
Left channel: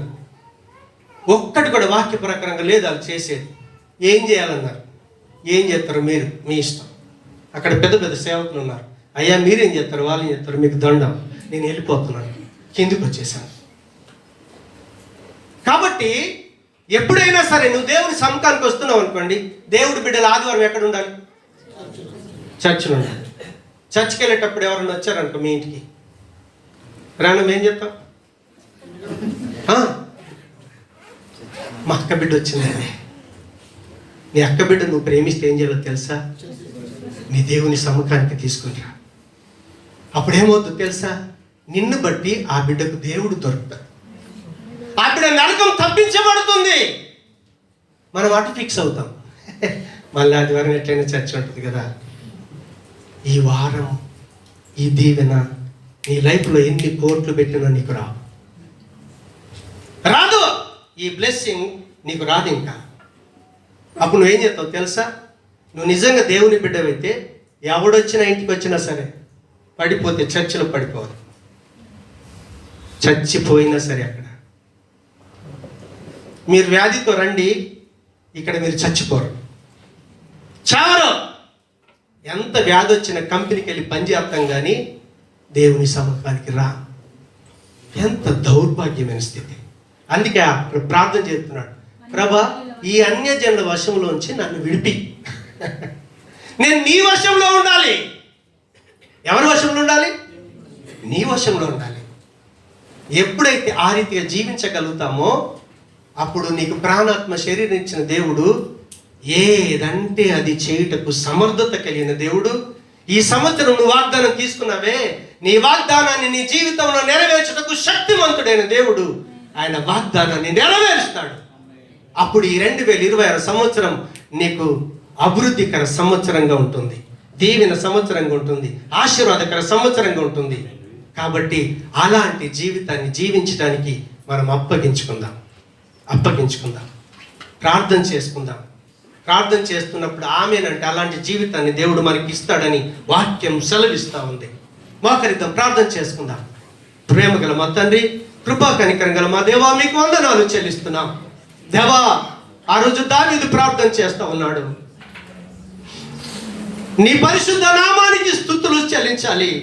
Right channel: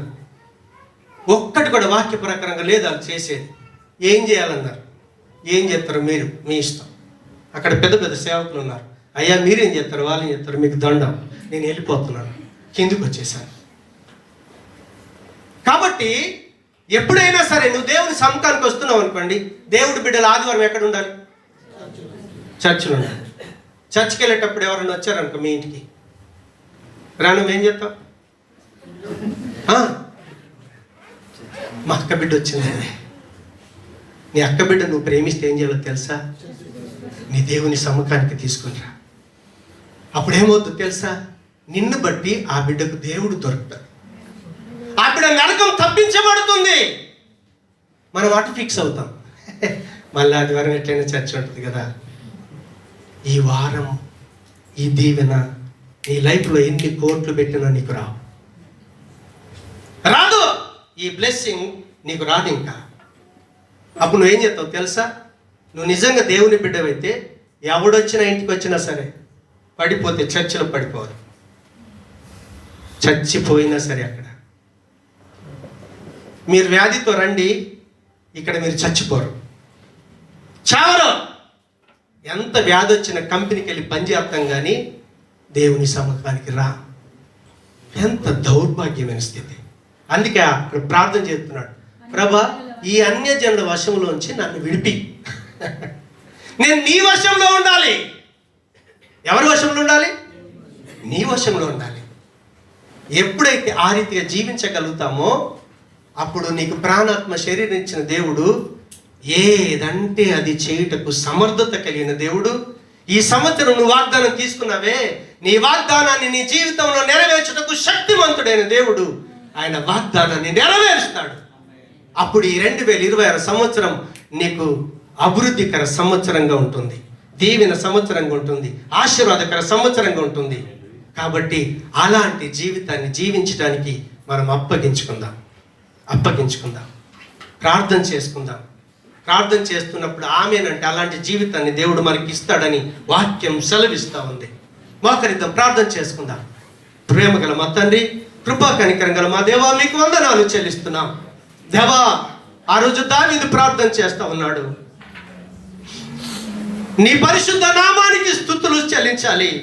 ఒక్కటి కూడా వాక్య ప్రకారంగా లేదు వాళ్ళు చేసేది. ఏం చేయాలన్నారు? ఏం చేస్తారు మీరు, మీ ఇష్టం. అక్కడ పెద్ద పెద్ద సేవకులు ఉన్నారు. అయ్యా మీరేం చేస్తారు, వాళ్ళు ఏం చేస్తారు, మీకు దండం, నేను వెళ్ళిపోతున్నాను, కిందికి వచ్చేసాను. కాబట్టి ఎప్పుడైనా సరే నువ్వు దేవుని సముఖానికి వస్తున్నావు అనుకోండి, దేవుడి బిడ్డలు ఆదివారం ఎక్కడ ఉండాలి? చర్చిలో ఉండాలి. చర్చ్కి వెళ్ళేటప్పుడు ఎవరైనా వచ్చారనుకో మీ ఇంటికి, రాను ఏం చెప్తావు? మా అక్క బిడ్డ వచ్చిందండి. నీ అక్క బిడ్డ నువ్వు ప్రేమిస్తే ఏం చేయాలో తెలుసా? నీ దేవుని సముఖానికి తీసుకునిరా. అప్పుడేమవుతుందో తెలుసా? నిన్ను బట్టి ఆ బిడ్డకు దేవుడు దొరుకుతాడు. ఆ బిడ్డ నరకం తప్పించబడుతుంది. మనం అటు ఫిక్స్ అవుతాం. మళ్ళీ ఆదివారం ఎట్లయినా చర్చ ఉంటుంది కదా. ఈ వారం ఈ దీవెన నీ లైఫ్లో ఎన్ని కోట్లు పెట్టినా నీకు రాదు. ఈ బ్లెస్సింగ్ నీకు రాదు. ఇంకా అప్పుడు నువ్వేం చేస్తావు తెలుసా? నువ్వు నిజంగా దేవుని బిడ్డవైతే ఎవడొచ్చినా ఇంటికి వచ్చినా సరే పడిపోతే చర్చిలో పడిపోవాలి. చచ్చిపోయినా సరే అక్కడ మీరు వ్యాధితో రండి, ఇక్కడ మీరు చచ్చిపోరు, చావరు. ఎంత వ్యాధి వచ్చిన కంపెనీకి వెళ్ళి పనిచేస్తాం కానీ దేవుని సముఖానికి రా. ఎంత దౌర్భాగ్యమైన స్థితి. అందుకే అప్పుడు ప్రార్థన చేస్తున్నాడు, ప్రభా ఈ అన్యజనుల వశంలోంచి నన్ను విడిపి, నేను నీ వశంలో ఉండాలి. ఎవరి వశంలో ఉండాలి? నీ వశంలో ఉండాలి. ఎప్పుడైతే ఆ రీతిగా జీవించగలుగుతామో అప్పుడు నీకు ప్రాణాత్మ శరీరం ఇచ్చిన దేవుడు ఏదంటే అది చేయుటకు సమర్థత కలిగిన దేవుడు. ఈ సంవత్సరం నువ్వు వాగ్దానం తీసుకున్నావే, నీ వాగ్దానాన్ని నీ జీవితంలో నెరవేర్చుటకు శక్తివంతుడైన దేవుడు ఆయన వాగ్దానాన్ని నెరవేరుస్తాడు. అప్పుడు ఈ 2026 సంవత్సరం నీకు అభివృద్ధికర సంవత్సరంగా ఉంటుంది, దీవెన సంవత్సరంగా ఉంటుంది, ఆశీర్వాదకర సంవత్సరంగా ఉంటుంది. కాబట్టి అలాంటి జీవితాన్ని జీవించడానికి మనం అప్పగించుకుందాం. ప్రార్థన చేసుకుందాం. ప్రార్థన చేస్తున్నప్పుడు ఆమేనంటే అలాంటి జీవితాన్ని దేవుడు మనకి ఇస్తాడని వాక్యం సెలవిస్తూ ఉంది. మోకరిద్దాం, ప్రార్థన చేసుకుందాం. ప్రేమ గల మా తండ్రి, కృపా కనికరం గల మా దేవా, మీకు వందనాలు చెల్లిస్తున్నాం. దేవా, ఆ రోజు దావీదు ప్రార్థన చేస్తూ ఉన్నాడు, నీ పరిశుద్ధ నామానికి స్తుతులు చెల్లించాలి,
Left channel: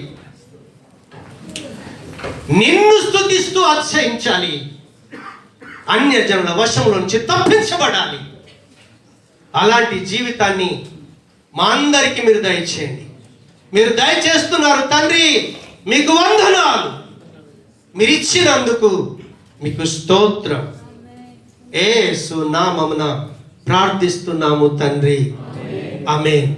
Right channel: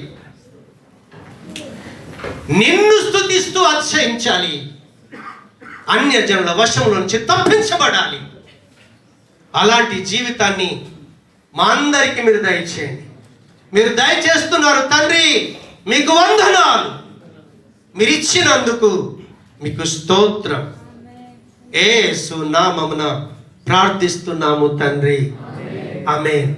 నిన్ను స్తుతిస్తూ అతిశయించాలి, అన్యజనుల వశం నుంచి తప్పించబడాలి. అలాంటి జీవితాన్ని మా అందరికీ మీరు దయచేయండి. మీరు దయచేస్తున్నారు తండ్రి, మీకు వందనాలు. మీరు ఇచ్చినందుకు మీకు స్తోత్రం. యేసు నామమున ప్రార్థిస్తున్నాము తండ్రి, ఆమేన్.